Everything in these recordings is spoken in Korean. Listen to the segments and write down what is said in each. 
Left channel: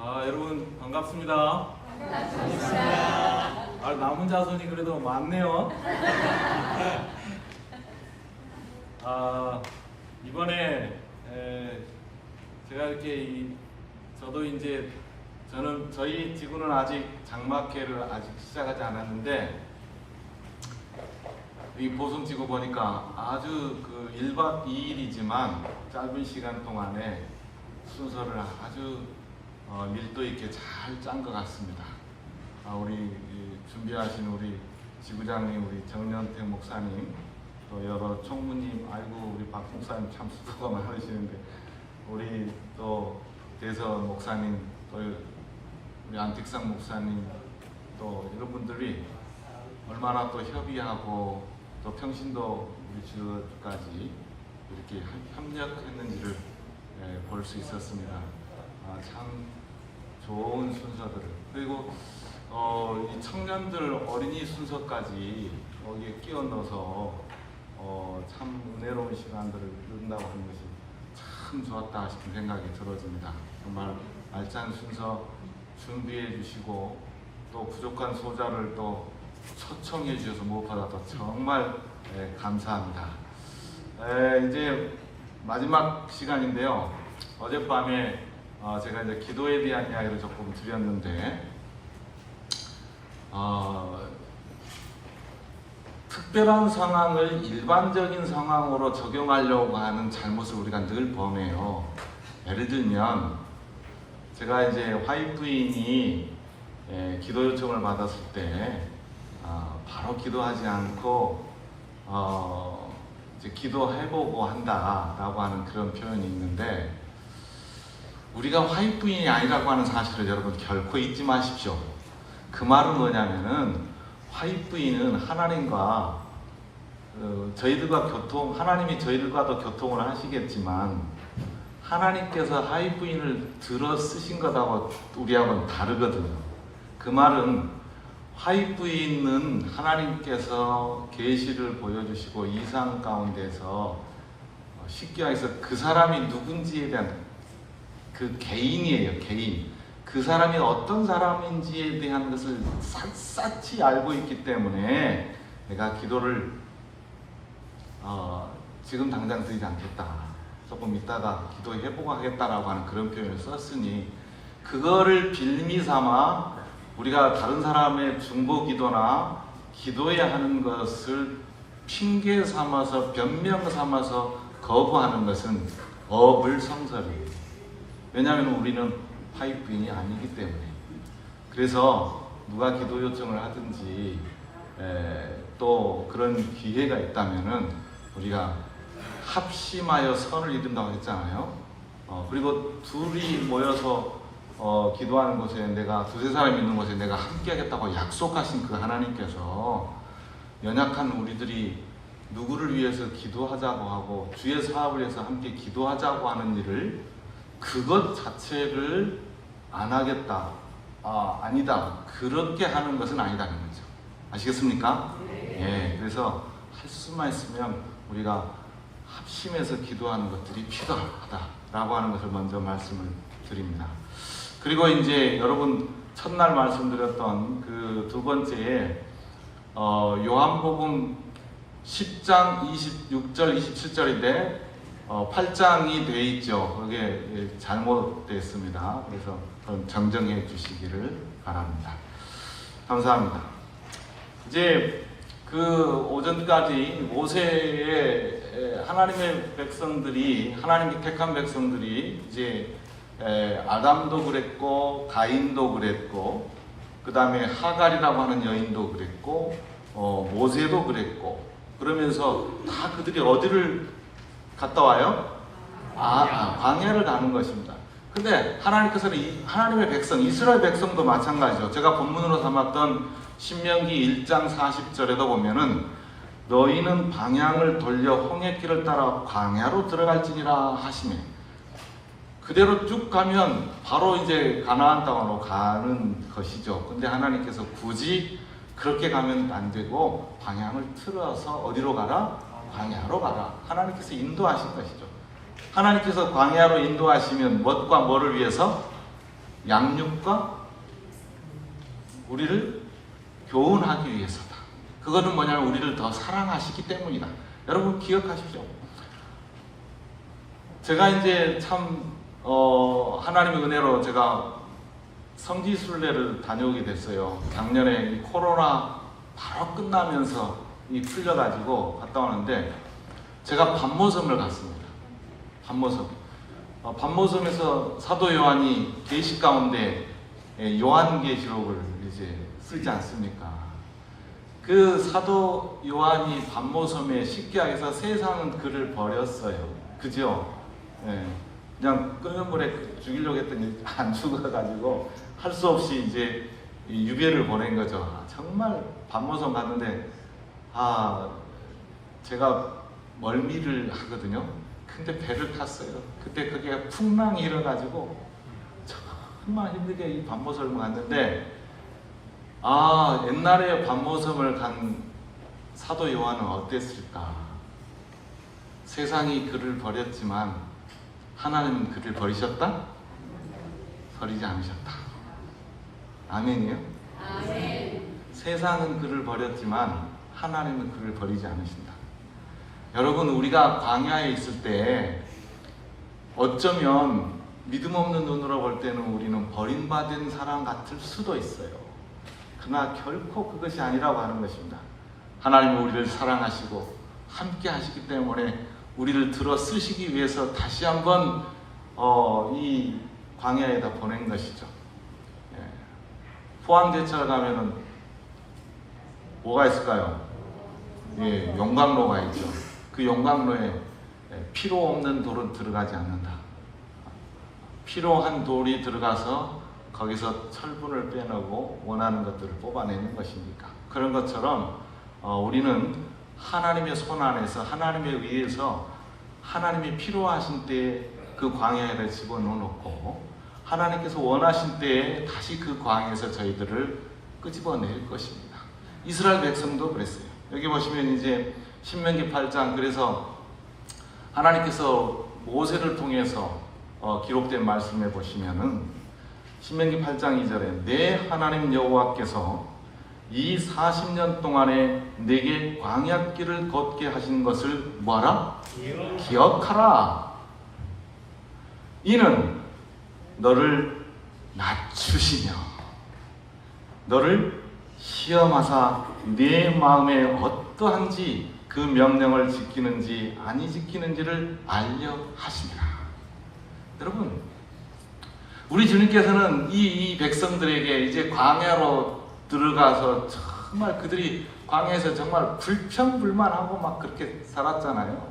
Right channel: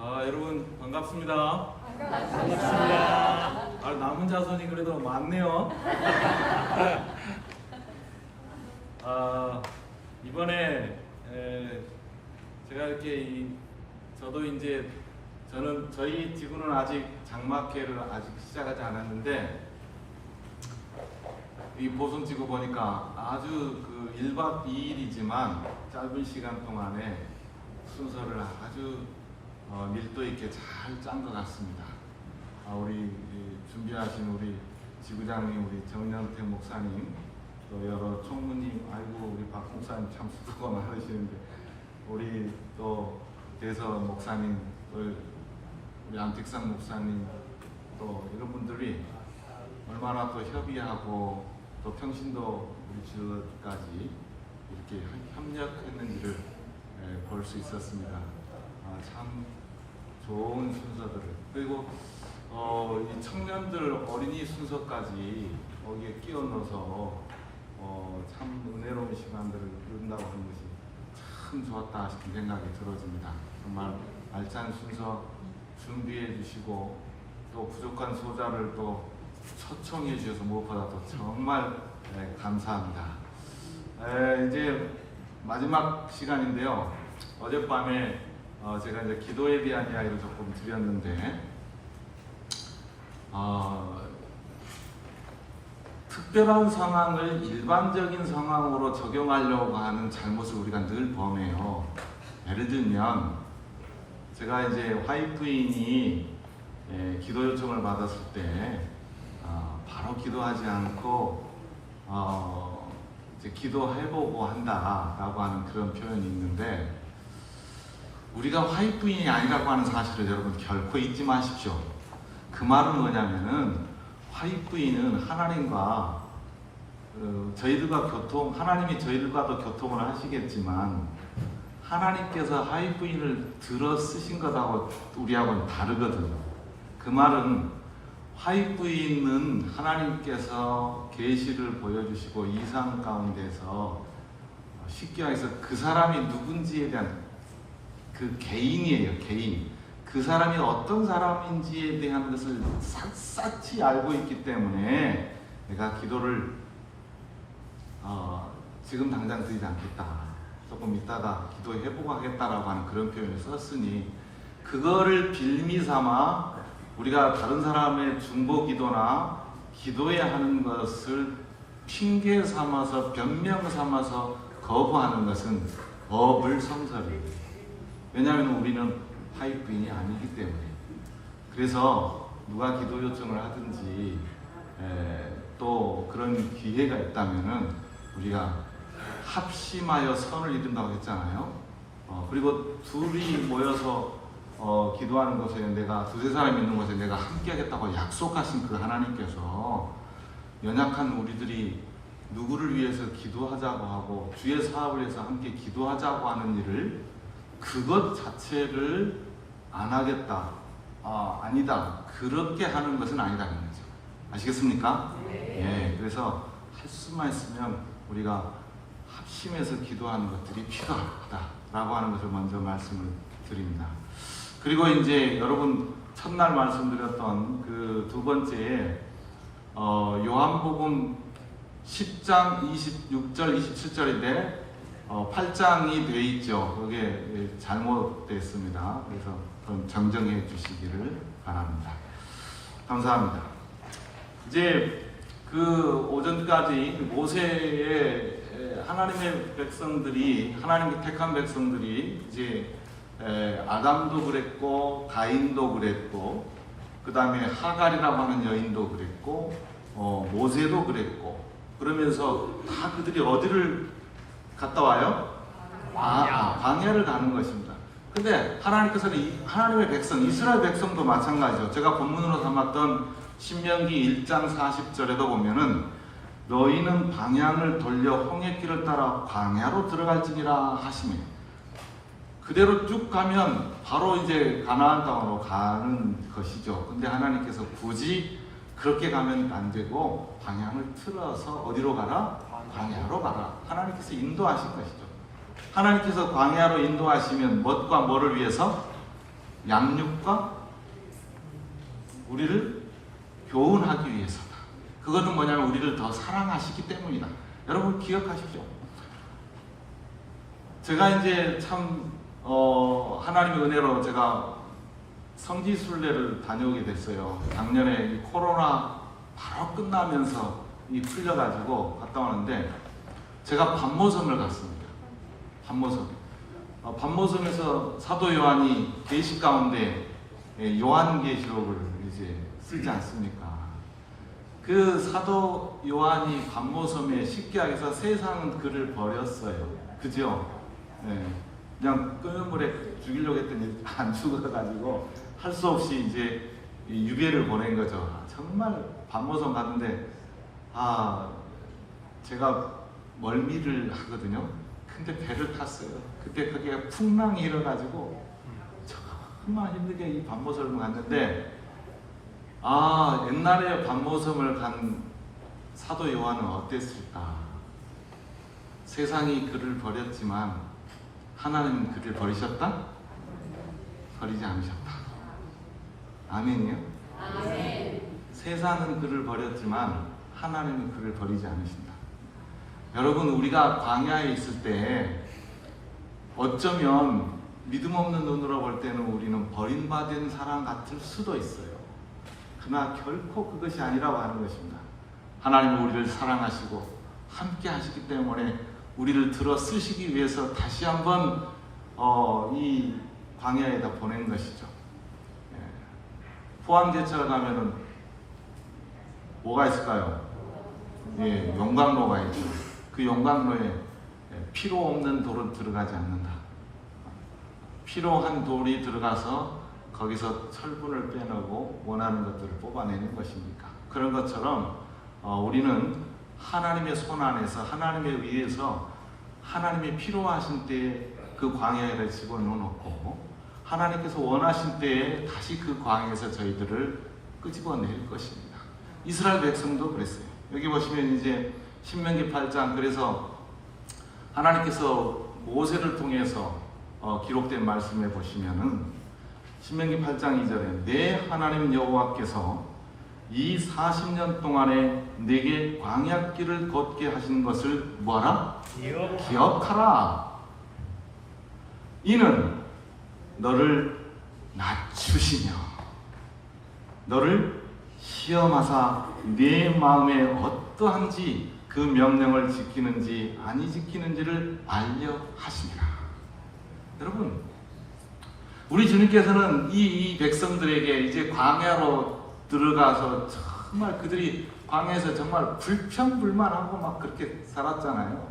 여러분 반갑습니다. 남은 자손이 그래도 많네요. 이번에 제가 이렇게 저도 이제 저희 지구는 아직 장막회를 아직 시작하지 않았는데 이 보성지구 보니까 아주 1박 2일이지만 짧은 시간 동안에 순서를 아주 밀도 있게 잘 짠 것 같습니다. 우리 준비하신 우리 지구장님, 우리 정년택 목사님, 또 여러 총무님, 아이고 우리 박 목사님 참 수고가 많으시는데 우리 또 대서 목사님, 또 우리 안택상 목사님, 또 이런 분들이 얼마나 또 협의하고 또 평신도 우리 지역까지 이렇게 협력했는지를 볼 수 있었습니다. 참 좋은 순서들을, 그리고 이 청년들 어린이 순서까지 거기에 끼워 넣어서 참 은혜로운 시간들을 이룬다고 하는 것이 참 좋았다 싶은 생각이 들어집니다. 정말 알찬 순서 준비해 주시고 또 부족한 소자를 또 초청해 주셔서 무엇보다 도 정말 감사합니다. 이제 마지막 시간인데요. 어젯밤에 제가 이제 기도에 대한 이야기를 조금 드렸는데 특별한 상황을 일반적인 상황으로 적용하려고 하는 잘못을 우리가 늘 범해요. 예를 들면 제가 이제 화이트인이 기도 요청을 받았을 때 바로 기도하지 않고 이제 기도해보고 한다라고 하는 그런 표현이 있는데, 우리가 화이트인이 아니라고 하는 사실을 여러분 결코 잊지 마십시오. 그 말은 뭐냐면은 화이트인은 하나님과 하나님이 저희들과도 교통을 하시겠지만 하나님께서 화이트인을 들어 쓰신 것하고 우리하고는 다르거든. 그 말은 화이트인은 하나님께서 계시를 보여주시고 이상 가운데서 쉽게 말해서 그 사람이 누군지에 대한 그 개인이에요. 개인. 그 사람이 어떤 사람인지에 대한 것을 샅샅이 알고 있기 때문에 내가 기도를 지금 당장 드리지 않겠다, 조금 있다가 기도해보고 하겠다라고 하는 그런 표현을 썼으니, 그거를 빌미 삼아 우리가 다른 사람의 중보 기도나 기도해야 하는 것을 핑계 삼아서 변명 삼아서 거부하는 것은 어불성설이에요. 왜냐하면 우리는 화이트인이 아니기 때문에. 그래서 누가 기도 요청을 하든지 또 그런 기회가 있다면은 우리가 합심하여 선을 이룬다고 했잖아요. 그리고 둘이 모여서 기도하는 곳에, 내가 두세 사람 있는 곳에 내가 함께 하겠다고 약속하신 그 하나님께서 연약한 우리들이 누구를 위해서 기도하자고 하고 주의 사업을 위해서 함께 기도하자고 하는 일을, 그것 자체를 안 하겠다, 아니다, 그렇게 하는 것은 아니다는 거죠. 아시겠습니까? 예, 그래서 할 수만 있으면 우리가 합심해서 기도하는 것들이 필요하다라고 하는 것을 먼저 말씀을 드립니다. 그리고 이제 여러분 첫날 말씀드렸던 그 두 번째에 요한복음 10장 26절 27절인데 8장이 돼 있죠. 그게 잘못됐습니다. 그래서 좀 정정해 주시기를 바랍니다. 감사합니다. 이제 그 오전까지 모세의 하나님의 백성들이, 하나님의 택한 백성들이 이제 아담도 그랬고 가인도 그랬고 그 다음에 하갈이라고 하는 여인도 그랬고 모세도 그랬고, 그러면서 다 그들이 어디를 갔다 와요? 광야를 가는 것입니다. 근데 하나님께서는 하나님의 백성, 이스라엘 백성도 마찬가지죠. 제가 본문으로 삼았던 신명기 1장 40절에도 보면은 너희는 방향을 돌려 홍해길을 따라 광야로 들어갈지니라 하시며, 그대로 쭉 가면 바로 이제 가나안 땅으로 가는 것이죠. 근데 하나님께서 굳이 그렇게 가면 안 되고 방향을 틀어서 어디로 가라? 광야로 가라. 하나님께서 인도하신 것이죠. 하나님께서 광야로 인도하시면 무엇과 뭐를 위해서? 양육과 우리를 교훈하기 위해서다. 그거는 뭐냐면 우리를 더 사랑하시기 때문이다. 여러분 기억하십시오. 제가 이제 참 하나님의 은혜로 제가 성지순례를 다녀오게 됐어요. 작년에 이 코로나 바로 끝나면서 이 풀려가지고 갔다 왔는데 제가 밤모섬을 갔습니다. 밤모섬. 밤모섬에서 사도 요한이 계시 가운데 요한계시록을 이제 쓰지 않습니까? 그 사도 요한이 밤모섬에 십계학에서 세상은 그를 버렸어요. 그죠? 예. 그냥 끓는 물에 죽이려고 했더니 안 죽어가지고 할 수 없이 이제 유배를 보낸 거죠. 정말 밤모섬 갔는데 제가 멀미를 하거든요. 근데 배를 탔어요. 그때 그게 풍랑이 일어가지고 정말 힘들게 이 밤모섬을 갔는데 옛날에 밤모섬을 간 사도 요한은 어땠을까? 세상이 그를 버렸지만 하나님은 그를 버리셨다? 버리지 않으셨다. 아멘이요? 아멘. 세상은 그를 버렸지만 하나님은 그를 버리지 않으신다. 여러분, 우리가 광야에 있을 때 어쩌면 믿음 없는 눈으로 볼 때는 우리는 버림받은 사람 같을 수도 있어요. 그러나 결코 그것이 아니라고 하는 것입니다. 하나님이 우리를 사랑하시고 함께 하시기 때문에 우리를 들어 쓰시기 위해서 다시 한번 이 광야에다 보낸 것이죠. 포항제철 가면은 뭐가 있을까요? 용광로가 있죠. 그 용광로에 피로 없는 돌은 들어가지 않는다. 필요한 돌이 들어가서 거기서 철분을 빼내고 원하는 것들을 뽑아내는 것입니까? 그런 것처럼 우리는 하나님의 손 안에서 하나님에 의해서 하나님이 필요하신 때에 그 광야에다 집어넣어놓고 하나님께서 원하신 때에 다시 그 광야에서 저희들을 끄집어낼 것입니다. 이스라엘 백성도 그랬어요. 여기 보시면 이제 신명기 8장, 그래서 하나님께서 모세를 통해서 기록된 말씀에 보시면은 신명기 8장 2절에 내 하나님 여호와께서 이 40년 동안에 내게 광야길을 걷게 하신 것을 뭐하라? 기억하라. 이는 너를 낮추시며 너를 시험하사 내 마음에 어떠한지 그 명령을 지키는지 아니 지키는지를 알려 하시니라. 여러분, 우리 주님께서는 이 백성들에게 이제 광야로 들어가서 정말 그들이 광야에서 정말 불평불만하고 막 그렇게 살았잖아요.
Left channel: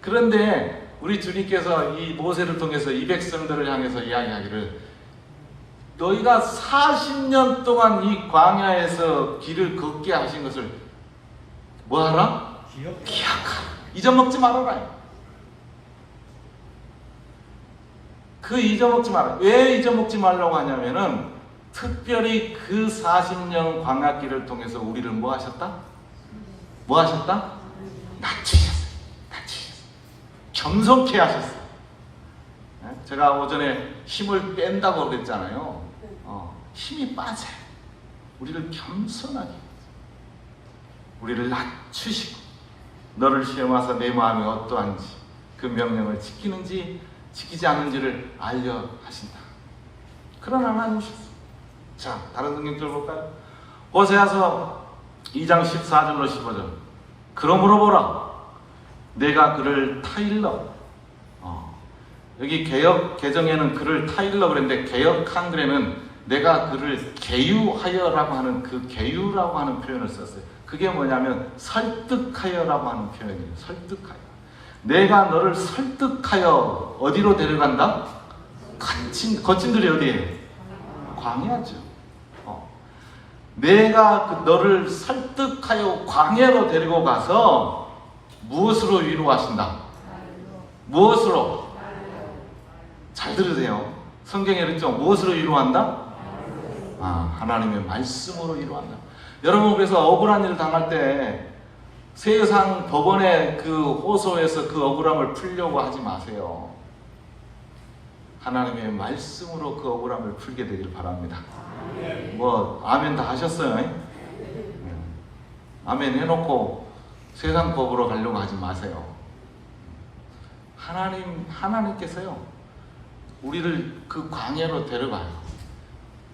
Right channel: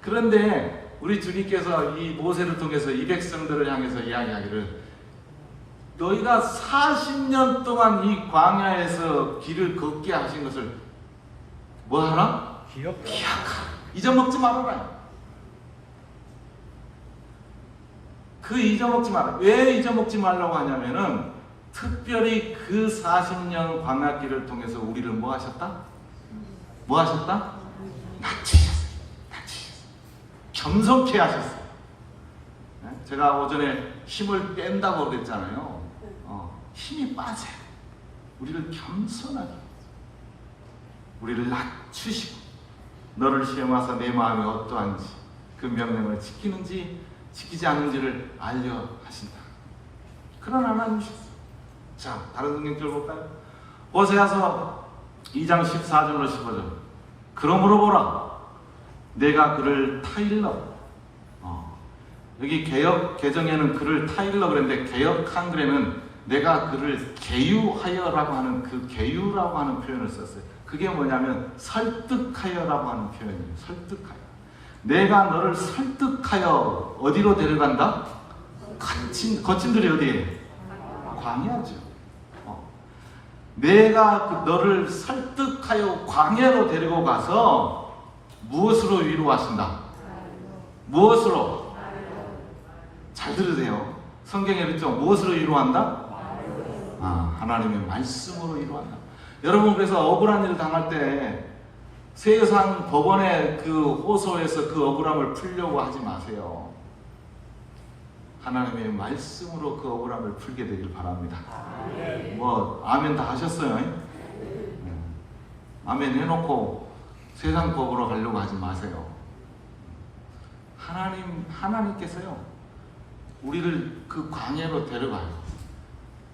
그런데 우리 주님께서 이 모세를 통해서 이 백성들을 향해서 이야기하기를 너희가 40년 동안 이 광야에서 길을 걷게 하신 것을 뭐하라? 기억하라. 잊어먹지 말아라. 그 잊어먹지 마라. 왜 잊어먹지 말라고 하냐면은 특별히 그 40년 광야길을 통해서 우리를 뭐 하셨다? 뭐 하셨다? 낮추셨어요. 겸손케 하셨어요. 제가 오전에 힘을 뺀다고 그랬잖아요. 힘이 빠져요. 우리를 겸손하게, 우리를 낮추시고 너를 시험하사 내 마음이 어떠한지 그 명령을 지키는지 지키지 않는지를 알려 하신다. 그런 하나님이셨어요. 자, 다른 성경들 볼까요? 호세아서 2장 14절로 15절. 그러므로 보라, 내가 그를 타일러. 여기 개역 개정에는 그를 타일러 그랬는데 개역 한글에는 내가 그를 개유하여라고 하는 그 개유라고 하는 표현을 썼어요. 그게 뭐냐면 설득하여라고 하는 표현이에요. 설득하여. 내가 너를 설득하여 어디로 데려간다? 거친 들이 어디에? 광야죠. 내가 너를 설득하여 광야로 데리고 가서 무엇으로 위로하신다? 무엇으로? 잘 들으세요. 성경에 그랬죠? 무엇으로 위로한다? 하나님의 말씀으로 위로한다. 여러분, 그래서 억울한 일을 당할 때 세상 법원의 그 호소에서 그 억울함을 풀려고 하지 마세요. 하나님의 말씀으로 그 억울함을 풀게 되길 바랍니다. 뭐 아멘 다 하셨어요? 아멘 해놓고 세상 법으로 가려고 하지 마세요. 하나님께서요 우리를 그 광야로 데려가요.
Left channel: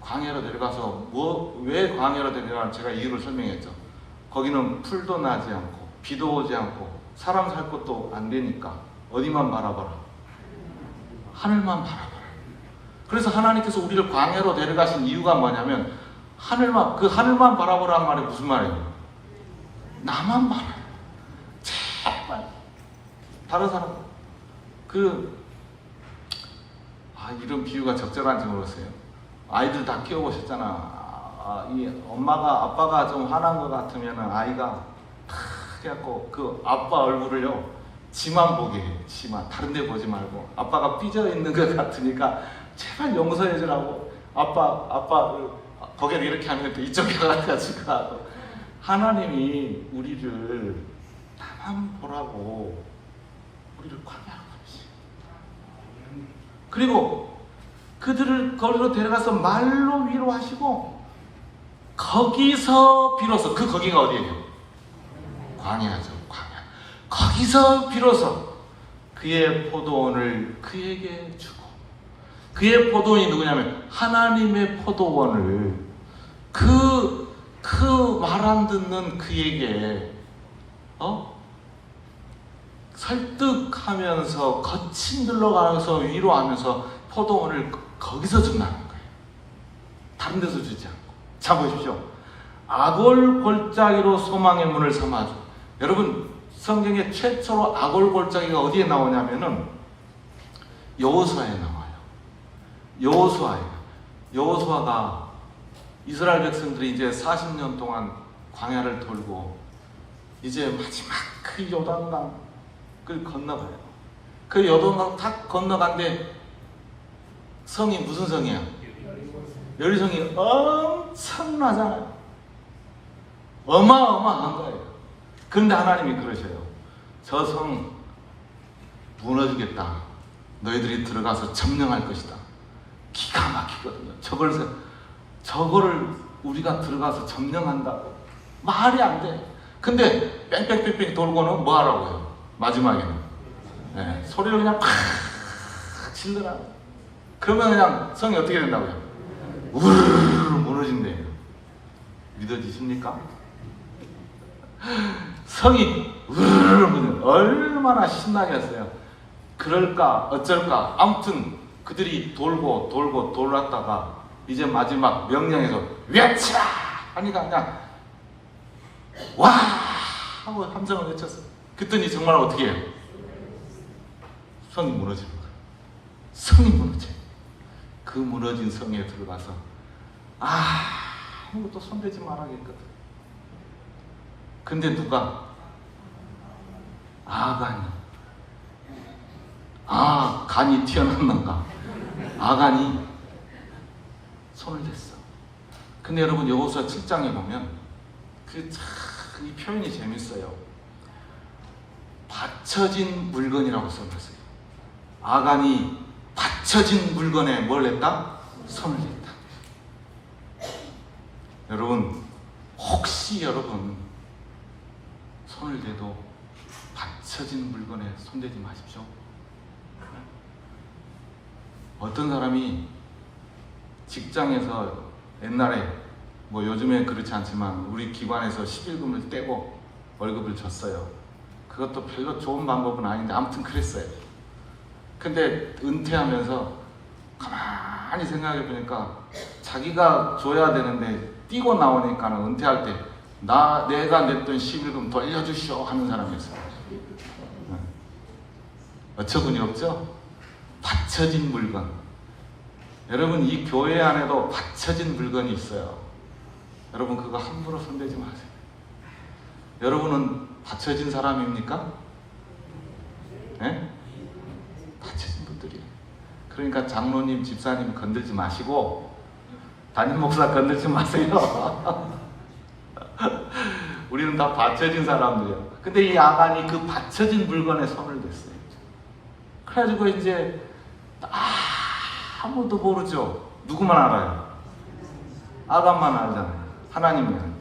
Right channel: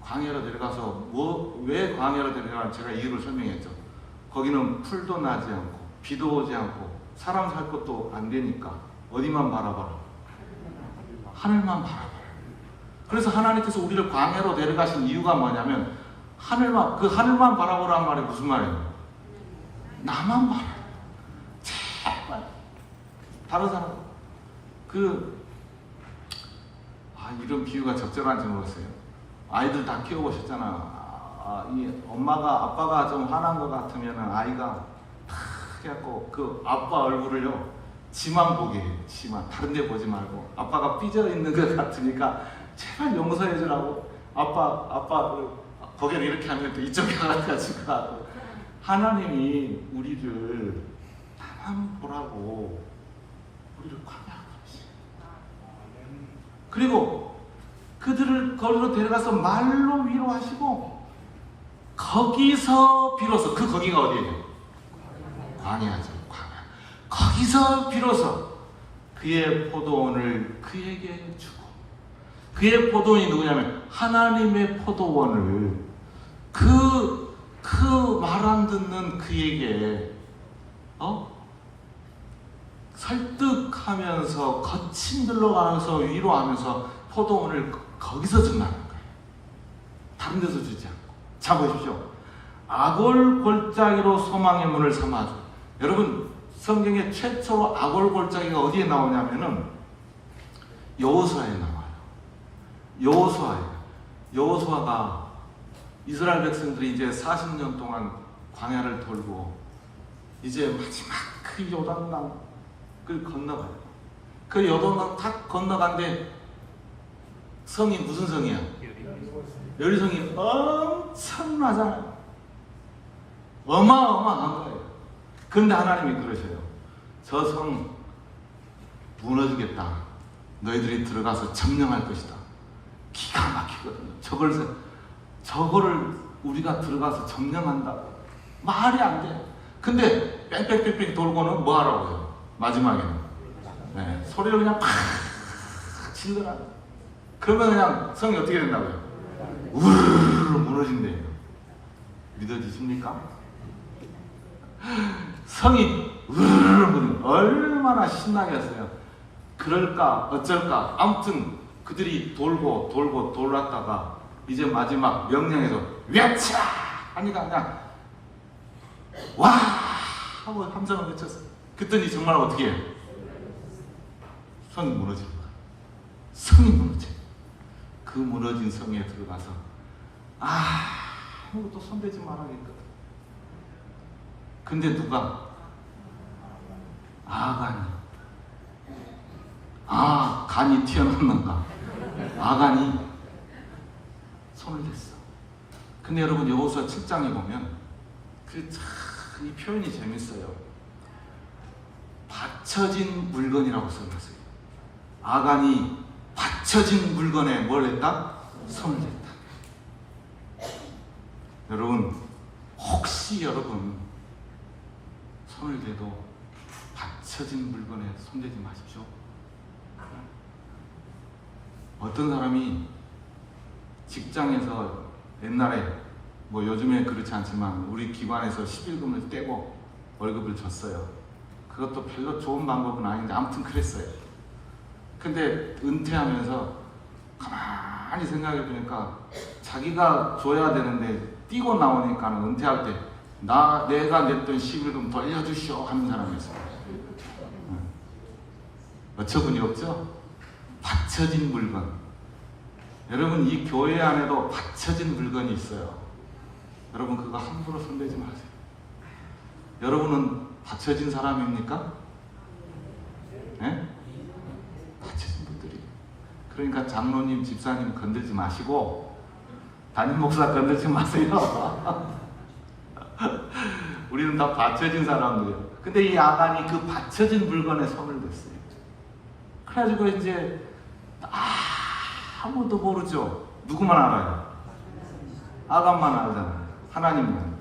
광야로 데려가서 왜 광야로 데려가는지 제가 이유를 설명했죠. 거기는 풀도 나지 않고 비도 오지 않고 사람 살 것도 안 되니까 어디만 바라봐라? 하늘만 바라봐라. 그래서 하나님께서 우리를 광야로 데려가신 이유가 뭐냐면 하늘만 바라보라는 말이 무슨 말이에요? 나만 바라. 제발 다른 사람 이런 비유가 적절한지 모르겠어요. 아이들 다 키워보셨잖아. 이 아빠가 좀 화난 것 같으면 아이가 그래갖고 그 아빠 얼굴을요 지만 보게 해요. 지만 다른 데 보지 말고 아빠가 삐져 있는 것 같으니까 제발 용서해 주라고 아빠 거기를 이렇게 하면 또 이쪽에 가가지고 하나님이 우리를 나만 보라고 우리를 광야로 가르치시고 그리고 그들을 거기로 데려가서 말로 위로하시고 거기서 비로소 거기가 어디예요? 광야죠. 광야. 거기서 비로소 그의 포도원을 그에게 주고 그의 포도원이 누구냐면 하나님의 포도원을 그 말 안 듣는 그에게 설득하면서 거친 들러가면서 위로하면서 포도원을 거기서 준다는 거예요. 다른 데서 주지 않고. 자 보십시오. 아골 골짜기로 소망의 문을 삼아줘. 여러분 성경에 최초로 아골 골짜기가 어디에 나오냐면은 여호수아에 나와요. 여호수아가 이스라엘 백성들이 이제 40년 동안 광야를 돌고 이제 마지막 그 요단강을 건너가요. 그 요단강 탁 건너간데 성이 무슨 성이야? 여리성이 엄청나잖아요. 어마어마한 거예요. 그런데 하나님이 그러셔요. 저 성 무너지겠다. 너희들이 들어가서 점령할 것이다. 기가 막히거든요. 저거를 우리가 들어가서 점령한다. 말이 안 돼. 근데 뺑뺑뺑뺑 돌고는 뭐 하라고요? 마지막에는 소리를 그냥 팍 질러라. 그러면 그냥 성이 어떻게 된다고요? 우르르 무너진대요. 믿어지십니까? 성이 우르르 무너져. 얼마나 신나겠어요. 그럴까 어쩔까 아무튼 그들이 돌고 돌았다가 이제 마지막 명령에서 외쳐! 하니까 그냥 와! 하고 함성을 외쳤어요. 그랬더니 정말 어떻게 해요? 성이 무너집니다. 성이 무너져요. 그 무너진 성에 들어가서 아무것도 손대지 말아야겠거든. 근데 누가? 간이 튀어나왔는가? 아간이 손을 댔어. 근데 여러분 여호수아 7장에 보면 이 표현이 재밌어요. 받쳐진 물건이라고 써놨어요. 아간이 받쳐진 물건에 뭘 했다? 손을 댔다. 여러분 혹시 여러분 손을 대도 받쳐진 물건에 손대지 마십시오. 어떤 사람이 직장에서 옛날에 뭐 요즘에 그렇지 않지만 우리 기관에서 11분을 떼고 월급을 줬어요. 그것도 별로 좋은 방법은 아닌데 아무튼 그랬어요. 근데 은퇴하면서 가만히 생각해 보니까 자기가 줘야 되는데 뛰고 나오니까 은퇴할 때 내가 냈던 11금 돌려주시오 하는 사람이었어요. 어처구니 없죠? 받쳐진 물건. 여러분 이 교회 안에도 받쳐진 물건이 있어요. 여러분 그거 함부로 손대지 마세요. 여러분은 받쳐진 사람입니까? 네? 받쳐진 분들이에요. 그러니까 장로님, 집사님 건들지 마시고 담임 목사 건들지 마세요. 우리는 다 받쳐진 사람들이에요. 근데 이 아간이 그 받쳐진 물건에 손을 댔어요. 그래가지고 이제 아무도 모르죠. 누구만 알아요? 아담만 알잖아요. 하나님은.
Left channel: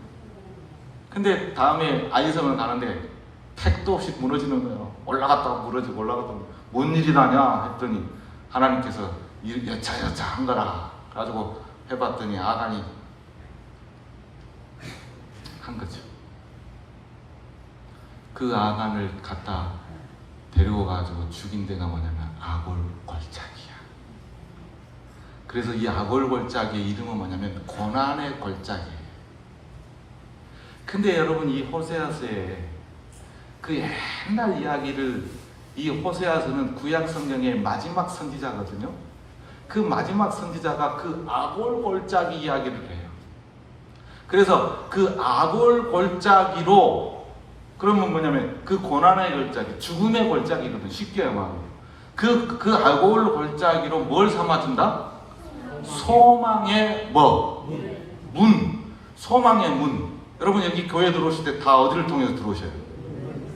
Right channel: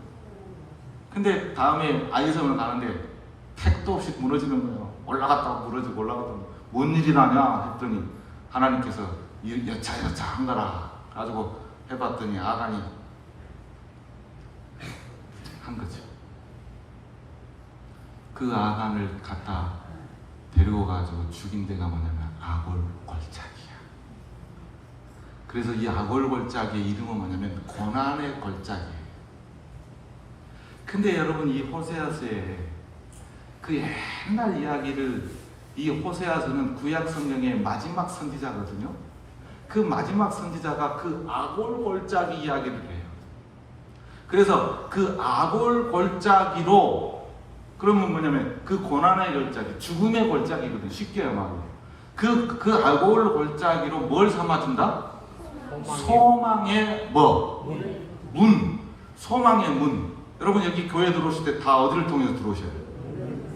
근데 다음에 아이성을 가는데 택도 없이 무너지는 거예요. 올라갔다가 무너지고 올라갔다가 뭔 일이 나냐 했더니 하나님께서 여차여차 한 거라 가지고 해봤더니 아담이 한 거죠. 그 아간을 갖다 데려가지고 죽인 데가 뭐냐면 아골골짜기야. 그래서 이 아골골짜기의 이름은 뭐냐면 고난의 골짜기예요. 근데 여러분, 이 호세아서에 그 옛날 이야기를, 이 호세아서는 구약 성경의 마지막 선지자거든요. 그 마지막 선지자가 그 아골골짜기 이야기를 해요. 그래서 그 아골골짜기로, 그러면 뭐냐면 그 고난의 골짜기, 죽음의 골짜기거든. 쉽게 말하면 그 아골골짜기로 뭘 삼아준다? 소망의 문. 소망의 문. 여러분, 여기 교회 들어오실 때 다 어디를 통해서 들어오셔야 돼요?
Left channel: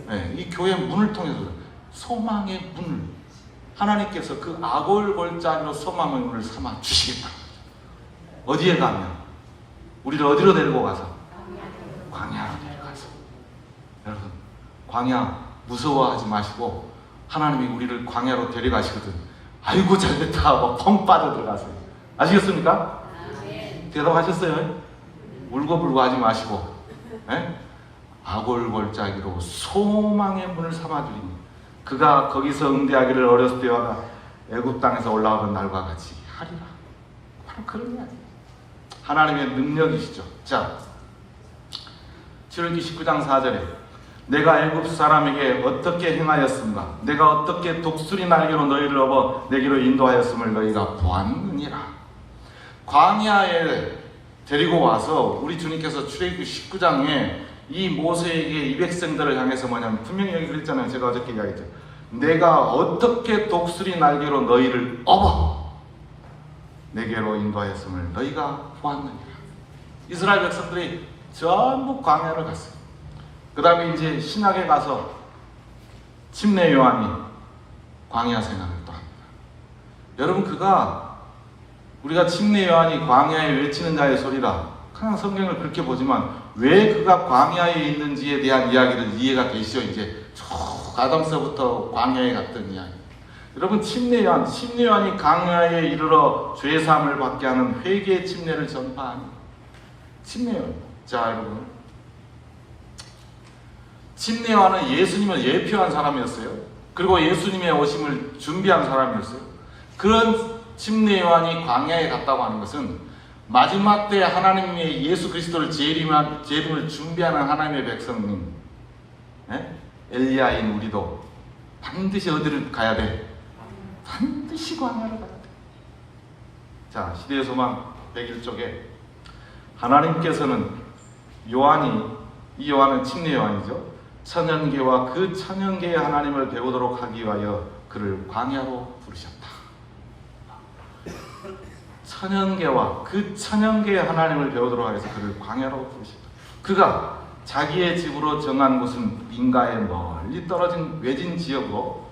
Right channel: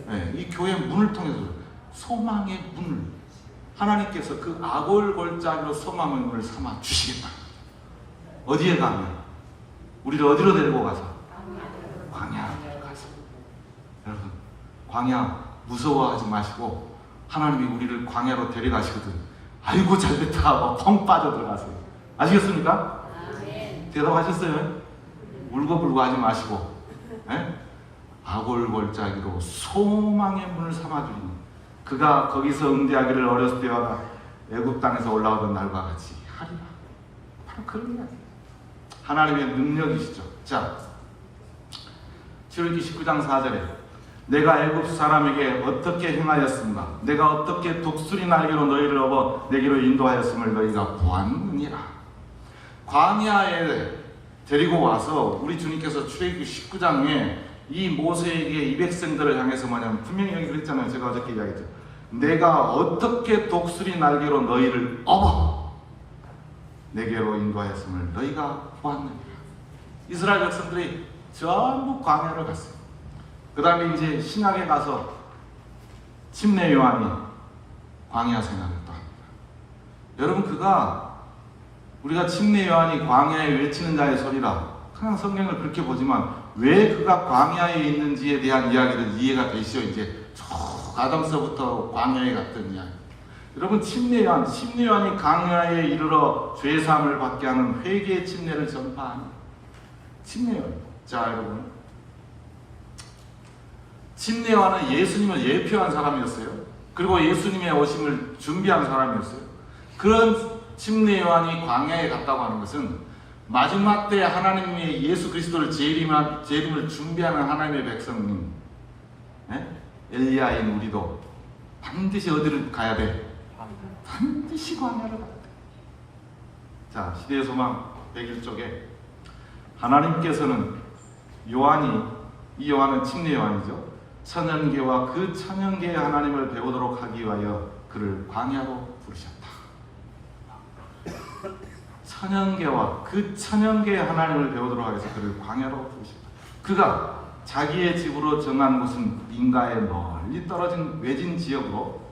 네, 이 교회 문을 통해서 소망의 문. 하나님께서 그 아골골짜기로 소망의 문을 삼아 주시겠다. 어디에 가면? 우리를 어디로 데리고 가서? 광야로 데려가서. 여러분, 광야 무서워하지 마시고 하나님이 우리를 광야로 데려가시거든. 아이고 잘됐다 하고 펑 빠져 들어가세요. 아시겠습니까? 대답하셨어요? 울고불고 하지 마시고, 네? 아골골짜기로 소망의 문을 삼아주리니 그가 거기서 응대하기를 어렸을 때와 애굽 땅에서 올라오던 날과 같이 하리라. 바로 그런 이야기. 하나님의 능력이시죠. 자, 출애굽기 19장 4절에 내가 애굽 사람에게 어떻게 행하였습니다. 내가 어떻게 독수리 날개로 너희를 업어 내게로 인도하였음을 너희가 보았느니라. 광야에 데리고 와서 우리 주님께서 출애굽기 19장에 이 모세에게 이 백성들을 향해서 뭐냐면 분명히 여기 그랬잖아요. 제가 어저께 이야기했죠. 내가 어떻게 독수리 날개로 너희를 업어 내게로 인도하였음을 너희가 보았느니라. 이스라엘 백성들이 전부 광야로 갔어요. 그 다음에 이제 신학에 가서 침례 요한이 광야 생활을 또 합니다. 여러분, 그가 우리가 침례 요한이 광야에 외치는 자의 소리라 그냥 성경을 그렇게 보지만 왜 그가 광야에 있는지에 대한 이야기를 이해가 되시죠. 이제 쭉 아담서부터 광야에 갔던 이야기. 여러분, 침례 요한이 광야에 이르러 죄사함을 받게 하는 회개의 침례를 전파하는 침례 요한. 자, 여러분, 침례 요한은 예수님을 예표한 사람이었어요. 그리고 예수님의 오심을 준비한 사람이었어요. 그런 침례 요한이 광야에 갔다고 하는 것은 마지막 때 하나님의 예수 그리스도를 재림을 준비하는 하나님의 백성님, 네? 엘리야인 우리도 반드시 어디를 가야 돼? 반드시 광야로 가야 돼. 자, 시대의 소망 101쪽에 하나님께서는 이 요한은 침례 요한이죠. 천연계와 그 천연계의 하나님을 배우도록 하기 위하여 그를 광야로 부르셨다. 천연계와 그 천연계의 하나님을 배우도록 하여서 그를 광야로 부르셨다. 그가 자기의 집으로 정한 곳은 민가에 멀리 떨어진 외진 지역으로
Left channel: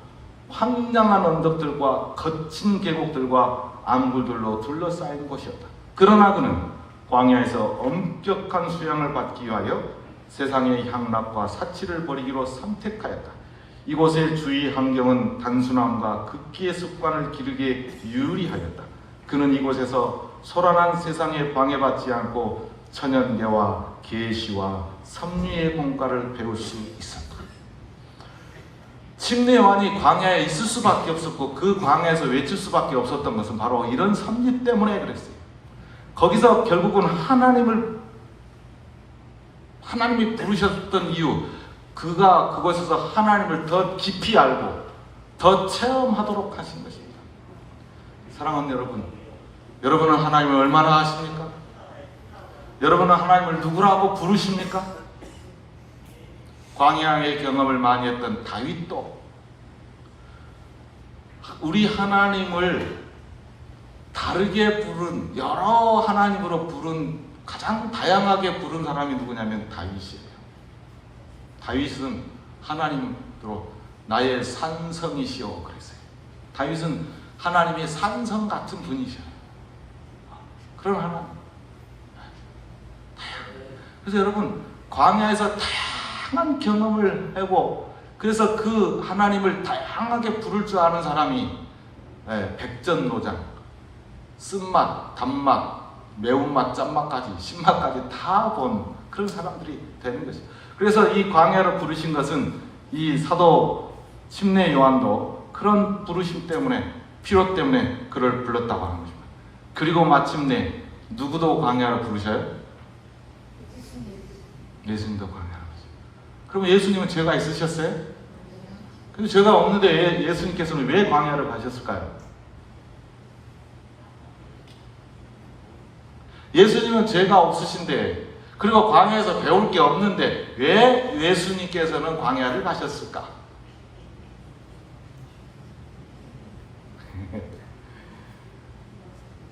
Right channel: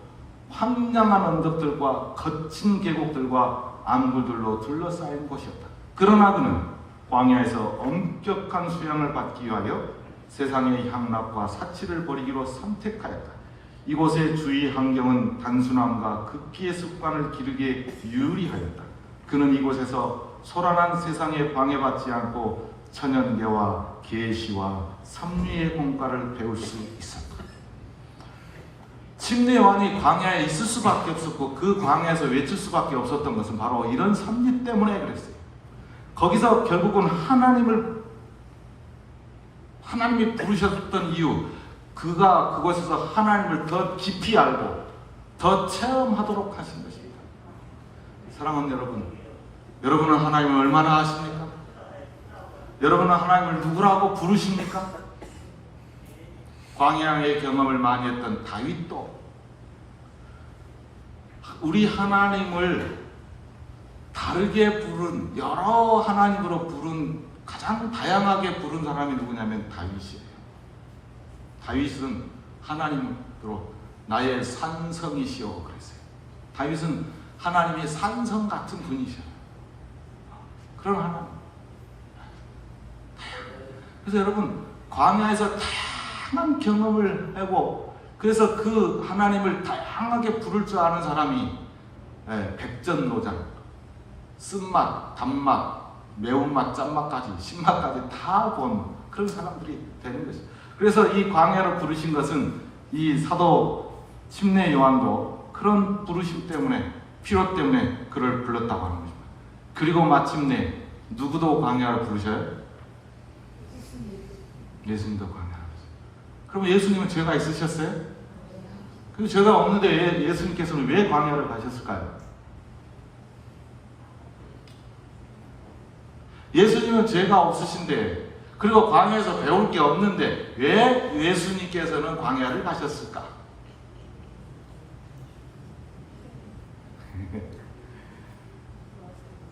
황량한 언덕들과 거친 계곡들과 암굴들로 둘러싸인 곳이었다. 그러나 그는 광야에서 엄격한 수양을 받기 위하여 세상의 향락과 사치를 버리기로 선택하였다. 이곳의 주위 환경은 단순함과 극기의 습관을 기르기에 유리하였다. 그는 이곳에서 소란한 세상에 방해받지 않고 천연계와 계시와 섭리의 공과를 배울 수 있었다. 침례 요한이 광야에 있을 수밖에 없었고 그 광야에서 외칠 수밖에 없었던 것은 바로 이런 섭리 때문에 그랬어요. 거기서 결국은 하나님이 부르셨던 이유, 그가 그곳에서 하나님을 더 깊이 알고 더 체험하도록 하신 것입니다. 사랑하는 여러분은 하나님을 얼마나 아십니까? 여러분은 하나님을 누구라고 부르십니까? 광야의 경험을 많이 했던 다윗도 우리 하나님을 다르게 부른, 여러 하나님으로 부른, 가장 다양하게 부른 사람이 누구냐면 다윗이에요. 다윗은 하나님으로 나의 산성이시오 그랬어요. 다윗은 하나님이 산성 같은 분이셔요. 그런 하나님. 그래서 여러분 광야에서 다양한 경험을 하고 그래서 그 하나님을 다양하게 부를 줄 아는 사람이 백전노장, 쓴맛, 단맛, 매운맛, 짠맛까지, 신맛까지 다 본 그런 사람들이 되는 것이죠. 그래서 이 광야로 부르신 것은 이 사도 침례 요한도 그런 부르심 때문에 필요 때문에 그를 불렀다고 하는 것입니다. 그리고 마침내 누구도 광야로 부르셔요? 예수님도 광야로 부르셔요. 그럼 예수님은 죄가 있으셨어요? 근데 죄가 없는데 예수님께서는 왜 광야로 가셨을까요? 예수님은 죄가 없으신데 그리고 광야에서 배울 게 없는데 왜 예수님께서는 광야를 가셨을까?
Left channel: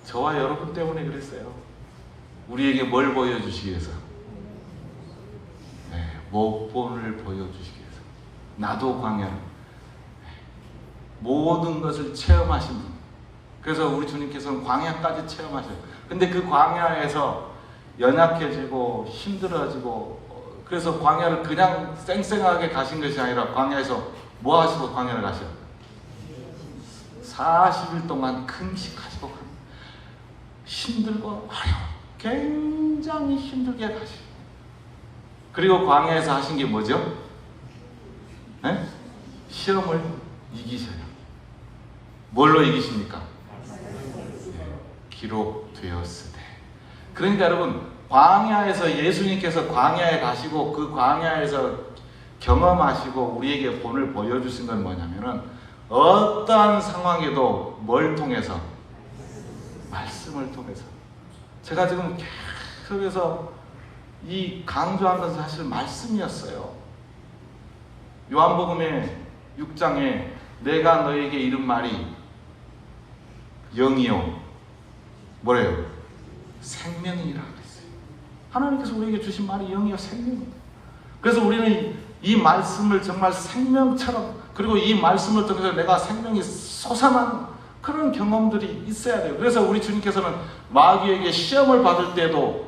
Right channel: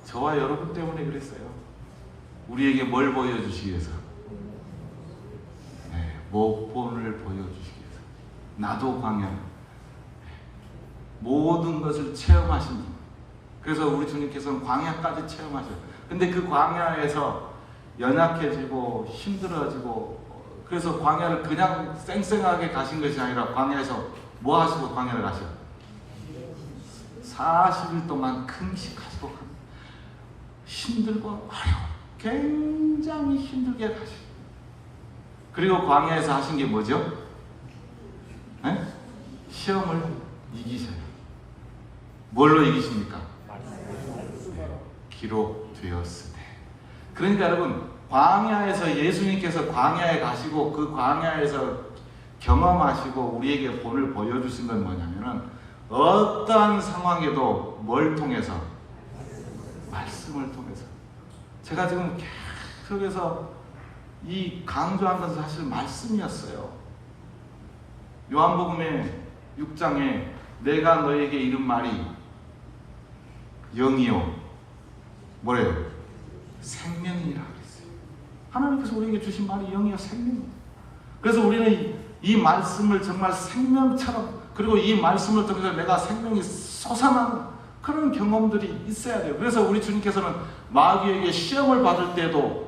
저와 여러분 때문에 그랬어요. 우리에게 뭘 보여주시기 위해서? 목본을 보여주시기 위해서. 나도 광야. 모든 것을 체험하신 분. 그래서 우리 주님께서는 광야까지 체험하셔요. 근데 그 광야에서 연약해지고 힘들어지고 그래서 광야를 그냥 쌩쌩하게 가신 것이 아니라 광야에서 뭐 하시고 광야를 가셔요? 40일 동안 금식하시고 힘들고 굉장히 힘들게 가시고 그리고 광야에서 하신 게 뭐죠? 네? 시험을 이기셔요. 뭘로 이기십니까? 기록되었으되. 그러니까 여러분 광야에서 예수님께서 광야에 가시고 그 광야에서 경험하시고 우리에게 본을 보여주신 건 뭐냐면은 어떠한 상황에도 뭘 통해서? 말씀을 통해서. 제가 지금 계속해서 이 강조한 것은 사실 말씀이었어요. 요한복음의 6장에 내가 너에게 이른 말이 영이요 뭐래요? 생명이라 그랬어요. 하나님께서 우리에게 주신 말이 영이요 생명이에요. 그래서 우리는 이 말씀을 정말 생명처럼 그리고 이 말씀을 통해서 내가 생명이 솟아나는 그런 경험들이 있어야 돼요. 그래서 우리 주님께서는 마귀에게 시험을 받을 때도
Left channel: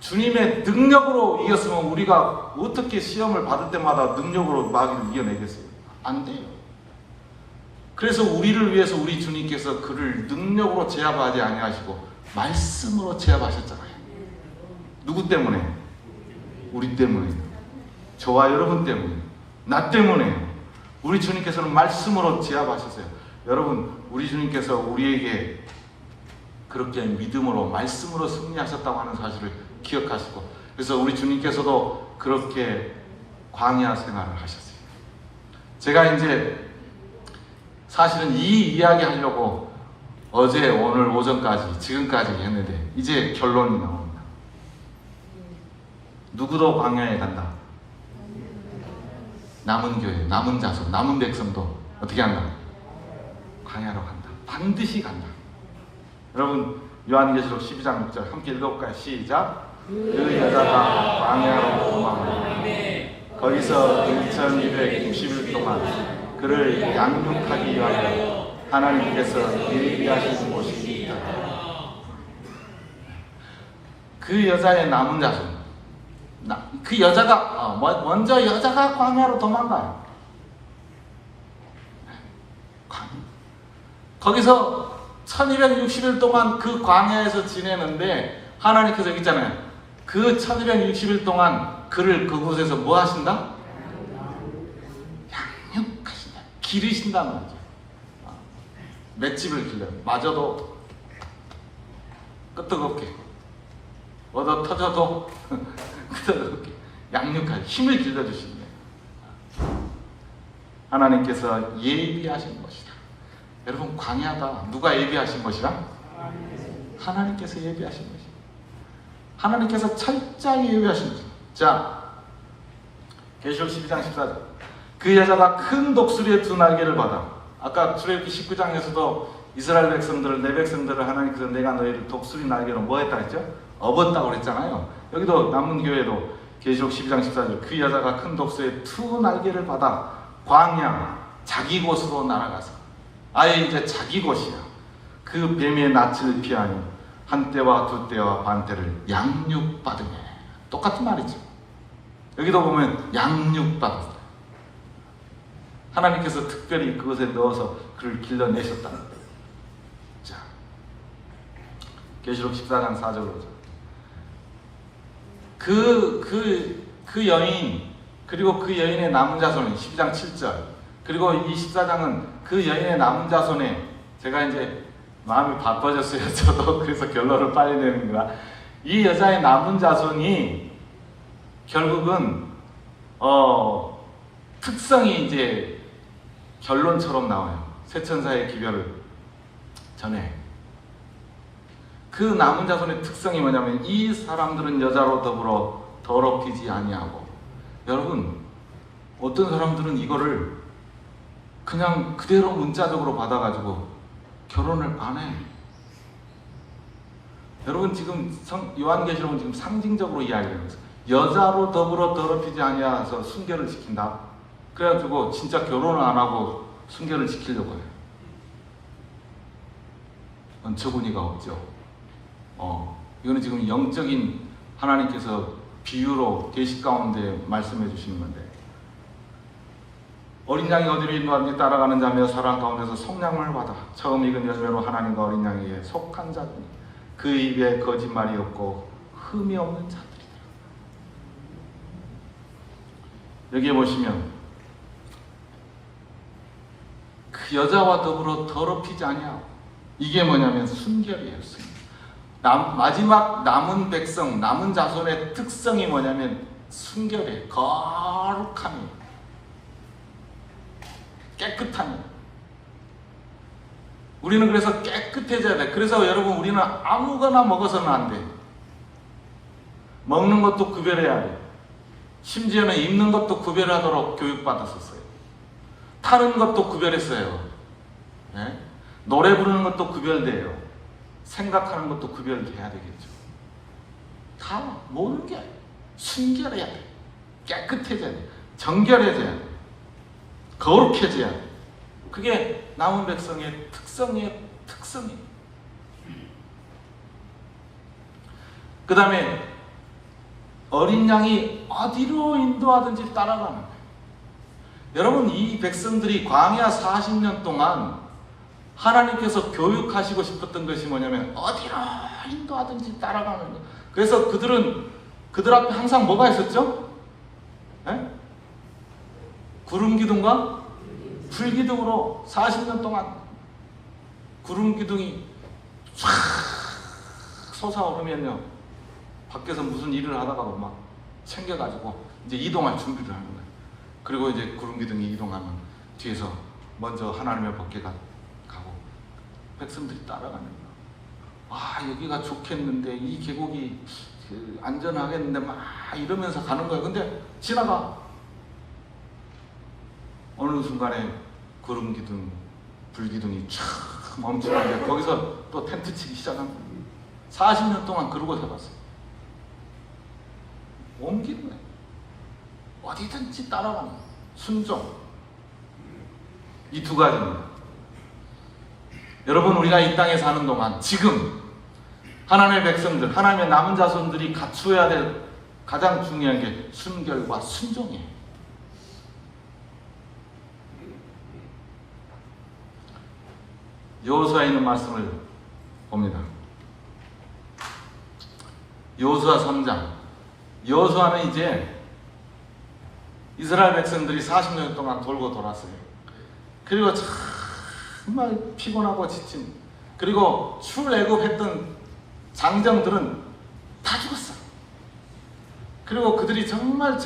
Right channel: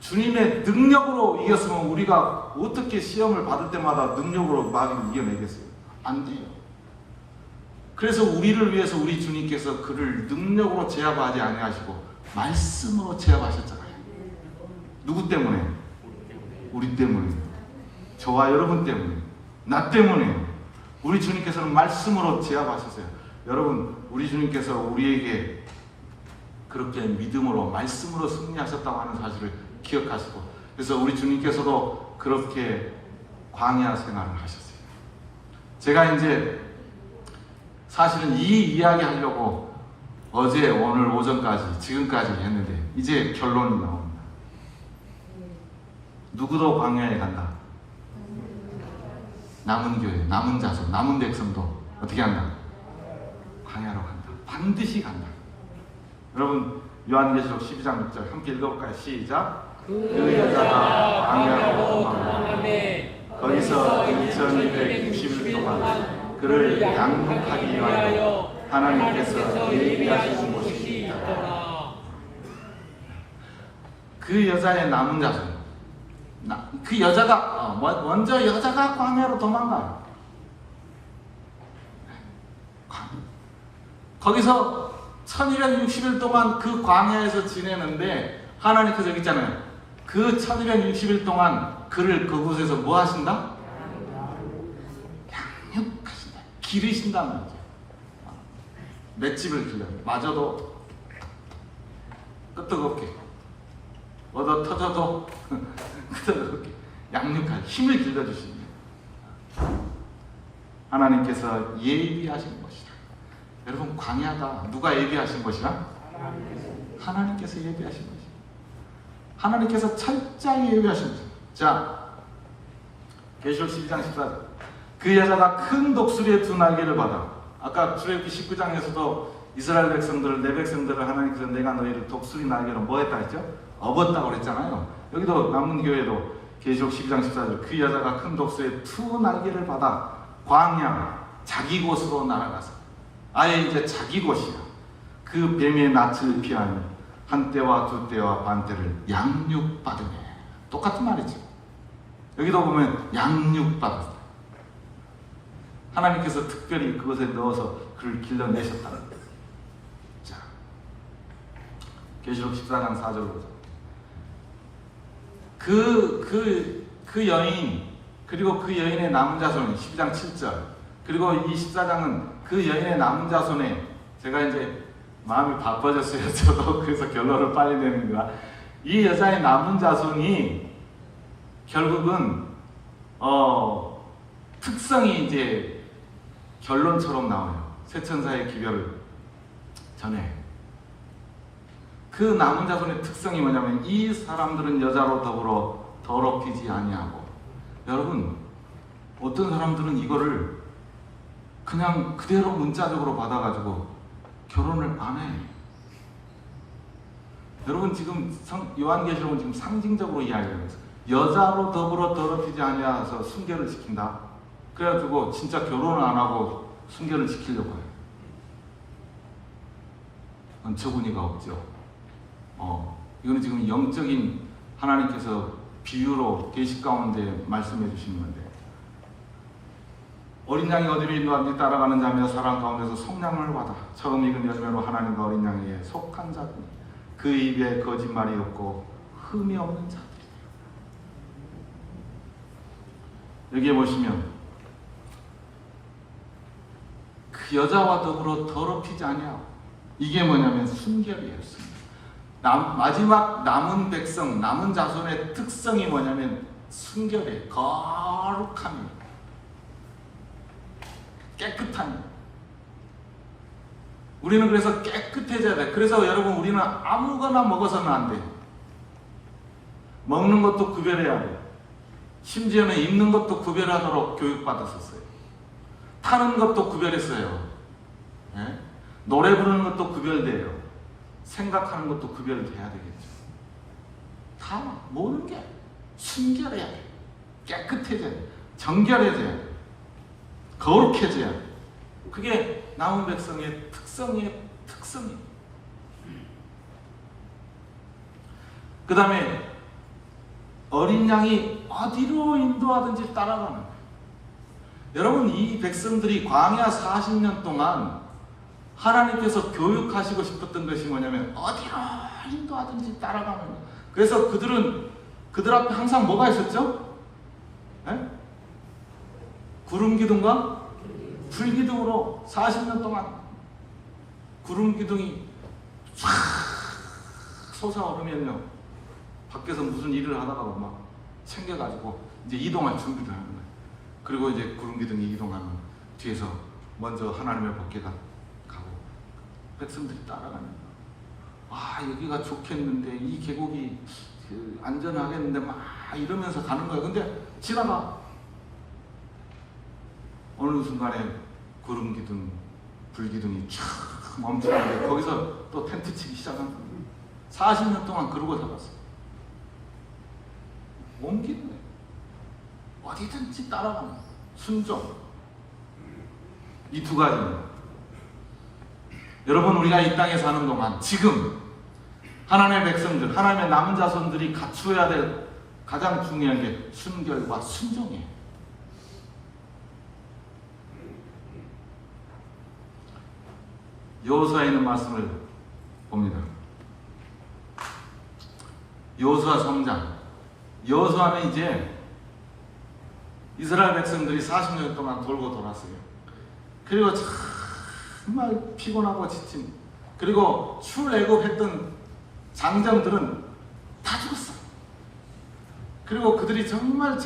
주님의 능력으로 이겼으면 우리가 어떻게 시험을 받을 때마다 능력으로 마귀를 이겨내겠어요? 안 돼요. 그래서 우리를 위해서 우리 주님께서 그를 능력으로 제압하지 아니하시고 말씀으로 제압하셨잖아요. 누구 때문에? 우리 때문에. 저와 여러분 때문에. 나 때문에. 우리 주님께서는 말씀으로 제압하셨어요. 여러분 우리 주님께서 우리에게 그렇게 믿음으로 말씀으로 승리하셨다고 하는 사실을 기억하시고 그래서 우리 주님께서도 그렇게 광야 생활을 하셨어요. 제가 이제 사실은 이 이야기 하려고 어제 오늘 오전까지 지금까지 했는데 이제 결론이 나옵니다. 누구도 광야에 간다. 남은 교회, 남은 자손, 남은 백성도 어떻게 한다? 광야로 간다. 반드시 간다. 여러분 요한계시록 12장 6절 함께 읽어볼까요? 시작. 그 여자가 광야로 도망하며 거기서 2260일 동안 그를 양육하기 위하여 하나님께서 예비하신 곳이 있다. 그 여자의 남은 자손, 그 여자가 먼저 여자가 광야로 도망가요. 거기서 1260일 동안 그 광야에서 지내는데 하나님께서 여기 있잖아요. 그 1260일 동안 그를 그곳에서 뭐 하신다? 양육하신다. 기르신다는 거죠. 맷집을 길려. 마저도 끄떡없게 얻어 터져도 끄떡없게 양육할 힘을 길러주시는 하나님께서 예비하신 것이다. 여러분 광야다. 누가 예비하신 것이라? 하나님께서 예비하신 것이다. 하나님께서 철저히 예비하신 것이다. 자, 계시록 12장 14절. 그 여자가 큰 독수리의 두 날개를 받아. 아까 출애굽기 19장에서도 이스라엘 백성들을 내 백성들을 하나님께서 내가 너희를 독수리 날개로 뭐 했다 했죠? 업었다고 그랬잖아요. 여기도 남은 교회도 계시록 12장 14절. 그 여자가 큰 독수리의 두 날개를 받아 광야 자기 곳으로 날아가서 아예 이제 자기 것이야. 그 뱀의 낯을 피하니 한 때와 두 때와 반 때를 양육받으며. 똑같은 말이죠. 여기도 보면 양육받았다. 하나님께서 특별히 그것에 넣어서 그를 길러내셨다는 거예요. 자, 계시록 14장 4절로 그 여인, 그리고 그 여인의 남은 자손이 12장 7절, 그리고 이 14장은 그 여인의 남은 자손에, 제가 이제 마음이 바빠졌어요. 저도. 그래서 결론을 빨리 내는 거야. 이 여자의 남은 자손이 결국은 특성이 이제 결론처럼 나와요. 새 천사의 기별을 전해. 그 남은 자손의 특성이 뭐냐면 이 사람들은 여자로 더불어 더럽히지 아니하고. 여러분, 어떤 사람들은 이거를 그냥 그대로 문자적으로 받아가지고 결혼을 안 해. 여러분, 지금 요한계시록은 지금 상징적으로 이야기하는 거예요. 여자로 더불어 더럽히지 아니하여서 순결을 지킨다. 그래가지고 진짜 결혼을 안 하고 순결을 지키려고 해요. 어처구니가 없죠. 이거는 지금 영적인 하나님께서 비유로 계시 가운데 말씀해 주시는 건데, 어린 양이 어디로 인도하는지 따라가는 자며 사람 가운데서 속량을 받아 처음 익은 열매로 하나님과 어린 양에게 속한 자들이 그 입에 거짓말이 없고 흠이 없는 자들이다. 여기에 보시면 그 여자와 더불어 더럽히지 아니하고, 이게 뭐냐면 순결이에요. 마지막 남은 백성, 남은 자손의 특성이 뭐냐면 순결이에요. 거룩함이에요. 깨끗함이에요. 우리는 그래서 깨끗해져야 돼. 그래서 여러분, 우리는 아무거나 먹어서는 안 돼. 먹는 것도 구별해야 돼. 심지어는 입는 것도 구별하도록 교육받았었어요. 타는 것도 구별했어요. 예? 노래 부르는 것도 구별돼요. 생각하는 것도 구별돼야 되겠죠. 다 모르는 게 순결해야 돼. 깨끗해져야 돼. 정결해져야 돼. 거룩해져야 돼. 그게 남은 백성의 특성이에요. 그 다음에 어린 양이 어디로 인도하든지 따라가는 거예요. 여러분, 이 백성들이 광야 40년 동안 하나님께서 교육하시고 싶었던 것이 뭐냐면 어디로 인도하든지 따라가는 거예요. 그래서 그들 앞에 항상 뭐가 있었죠? 네? 구름기둥과 불기둥으로 40년 동안 구름기둥이 쫙 솟아오르면요, 밖에서 무슨 일을 하다가 막 챙겨가지고 이제 이동할 준비를 하는 거예요. 그리고 이제 구름기둥이 이동하면 뒤에서 먼저 하나님의 법궤가 가고 백성들이 따라가는 거예요. 아, 여기가 좋겠는데, 이 계곡이 안전하겠는데 막 이러면서 가는 거예요. 근데 지나가. 어느 순간에 구름기둥, 불기둥이 쫙 멈추는데 거기서 또 텐트 치기 시작합니다. 40년 동안 그러고 살았어요. 옮기는 거예요. 어디든지 따라가는 거예요. 순종. 이 두 가지는, 여러분, 우리가 이 땅에 사는 동안 지금 하나님의 백성들, 하나님의 남은 자손들이 갖추어야 될 가장 중요한 게 순결과 순종이에요. 여호수아에 있는 말씀을 봅니다. 여호수아 3장. 여호수아는 이제 이스라엘 백성들이 40년 동안 돌고 돌았어요. 그리고 정말 피곤하고 지친, 그리고 출애굽했던 장정들은 다 죽었어요. 그리고 그들이 정말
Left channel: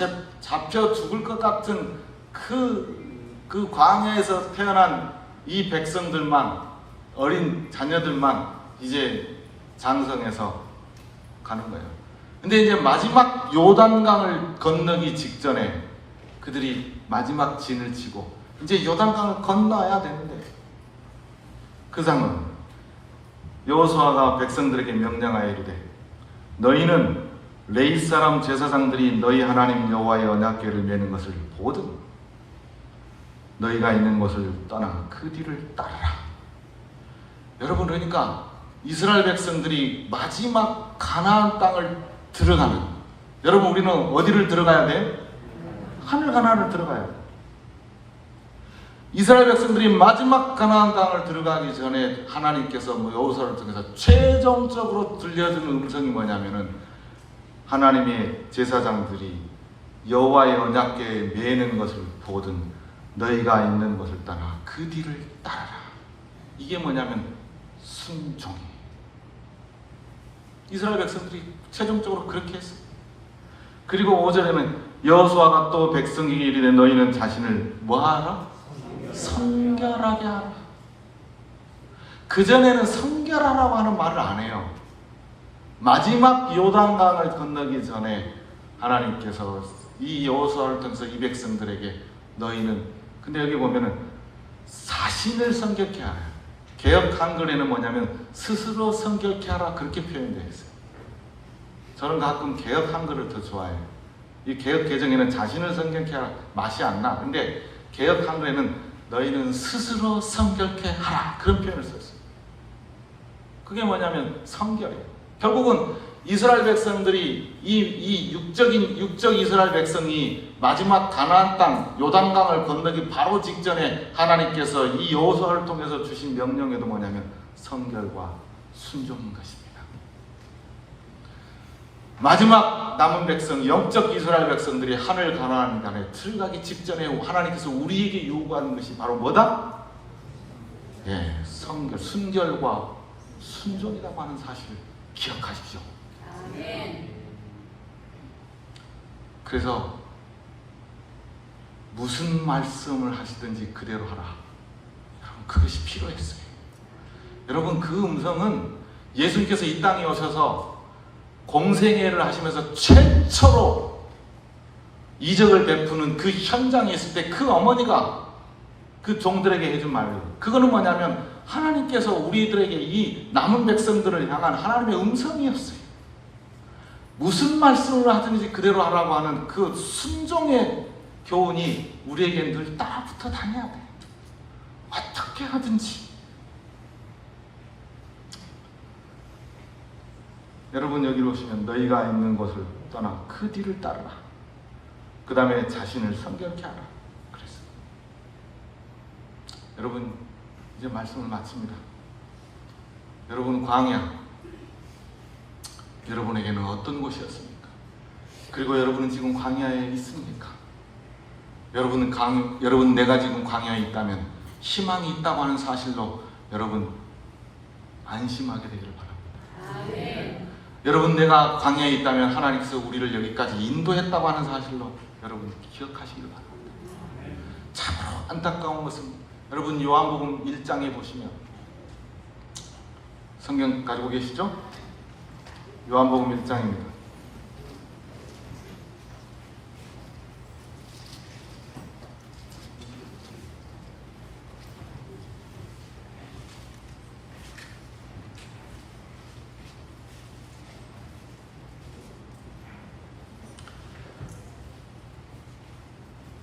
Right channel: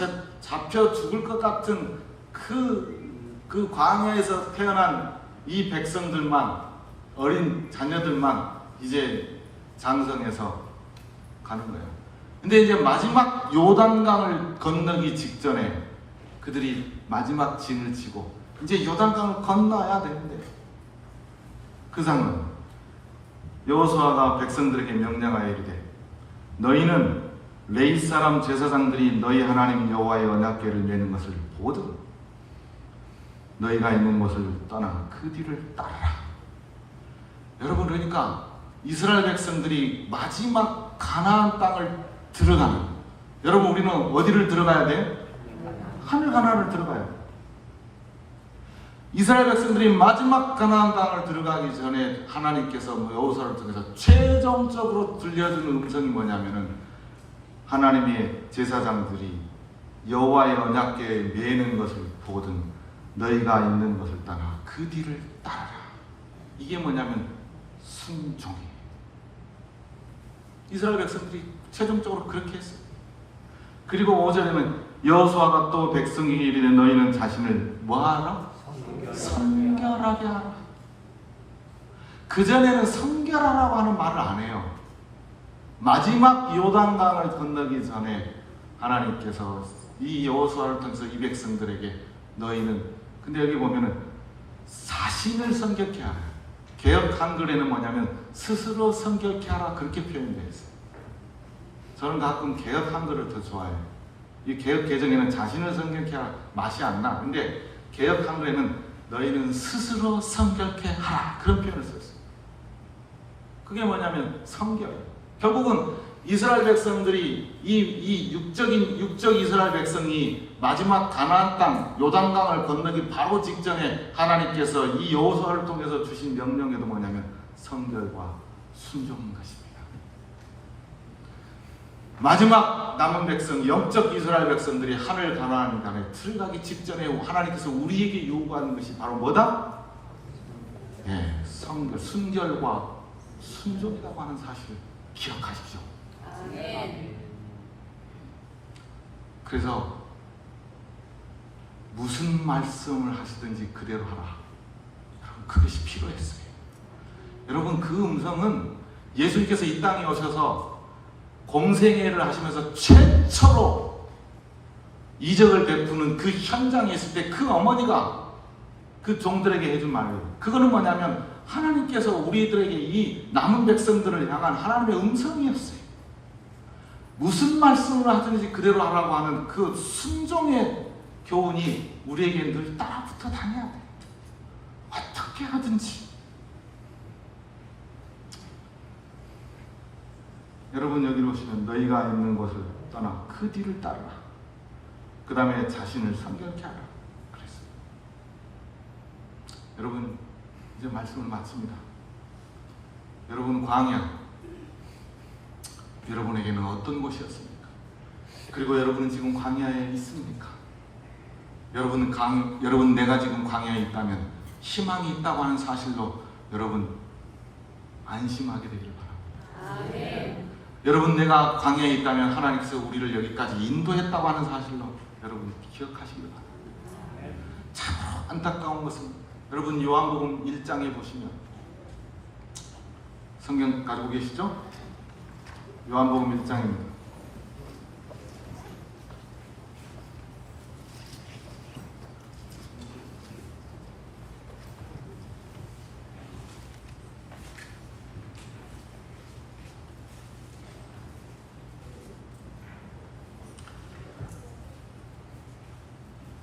잡혀 죽을 것 같은 그 광야에서 태어난 이 백성들만, 어린 자녀들만 이제 장성해서 가는 거예요. 근데 이제 마지막 요단강을 건너기 직전에 그들이 마지막 진을 치고 이제 요단강을 건너야 되는데, 그 상황, 여호수아가 백성들에게 명령하여 이르되 너희는 레위 사람 제사장들이 너희 하나님 여호와의 언약궤를 메는 것을 보거든 너희가 있는 곳을 떠나 그 뒤를 따르라. 여러분, 그러니까 이스라엘 백성들이 마지막 가나안 땅을 들어가는, 여러분 우리는 어디를 들어가야 돼요? 하늘 가나안을 들어가야 돼요. 이스라엘 백성들이 마지막 가나안 땅을 들어가기 전에 하나님께서 여호수아를 통해서 최종적으로 들려주는 음성이 뭐냐면은, 하나님의 제사장들이 여호와의 언약궤에 매는 것을 보든 너희가 있는 것을 따라 그 뒤를 따라라. 이게 뭐냐면 순종이에요. 이스라엘 백성들이 최종적으로 그렇게 했어요. 그리고 5절에는 여호수아가 또 백성에게 이르되 너희는 자신을 뭐하라? 성결하게 하라. 그전에는 성결하라고 하는 말을 안 해요. 마지막 요단강을 건너기 전에 하나님께서 이 여호수아를 통해서 이 백성들에게 너희는, 근데 여기 보면은 자신을 성결케 하라. 개역 한글에는 뭐냐면 스스로 성결케 하라, 그렇게 표현되어 있어요. 저는 가끔 개역 한글을 더 좋아해요. 이 개역 개정에는 자신을 성결케 하라 맛이 안 나. 근데 개역 한글에는 너희는 스스로 성결케 하라, 그런 표현을 썼어요. 그게 뭐냐면 성결이에요. 결국은 이스라엘 백성들이 이 육적 이스라엘 백성이 마지막 가나안 땅 요단강을 건너기 바로 직전에 하나님께서 이 여호수아를 통해서 주신 명령에도 뭐냐면 성결과 순종인 것입니다. 마지막 남은 백성, 영적 이스라엘 백성들이 하늘 가나안 땅에 들어가기 직전에 하나님께서 우리에게 요구하는 것이 바로 뭐다? 예, 성결, 순결과 순종이라고 하는 사실을 기억하십시오. 그래서 무슨 말씀을 하시든지 그대로 하라. 그것이 필요했어요. 여러분, 그 음성은 예수님께서 이 땅에 오셔서 공생애를 하시면서 최초로 이적을 베푸는 그 현장에 있을 때 그 어머니가 그 종들에게 해준 말이에요. 그거는 뭐냐면 하나님께서 우리들에게 이 남은 백성들을 향한 하나님의 음성이었어요. 무슨 말씀을 하든지 그대로 하라고 하는 그 순종의 교훈이 우리에게 늘 따라붙어 다녀야 돼요. 어떻게 하든지. 여러분, 여기로 오시면 너희가 있는 곳을 떠나 그 뒤를 따르라. 그 다음에 자신을 성결케 하라. 그랬어요. 여러분, 이제 말씀을 마칩니다. 여러분, 광야, 여러분에게는 어떤 곳이었습니까? 그리고 여러분은 지금 광야에 있습니까? 여러분, 내가 지금 광야에 있다면, 희망이 있다고 하는 사실로 여러분 안심하게 되기를 바랍니다. 아멘. 여러분, 내가 광야에 있다면 하나님께서 우리를 여기까지 인도했다고 하는 사실로 여러분 기억하시기를 바랍니다. 참으로 안타까운 것은, 여러분 요한복음 1장에 보시면, 성경 가지고 계시죠? 요한복음 1장입니다.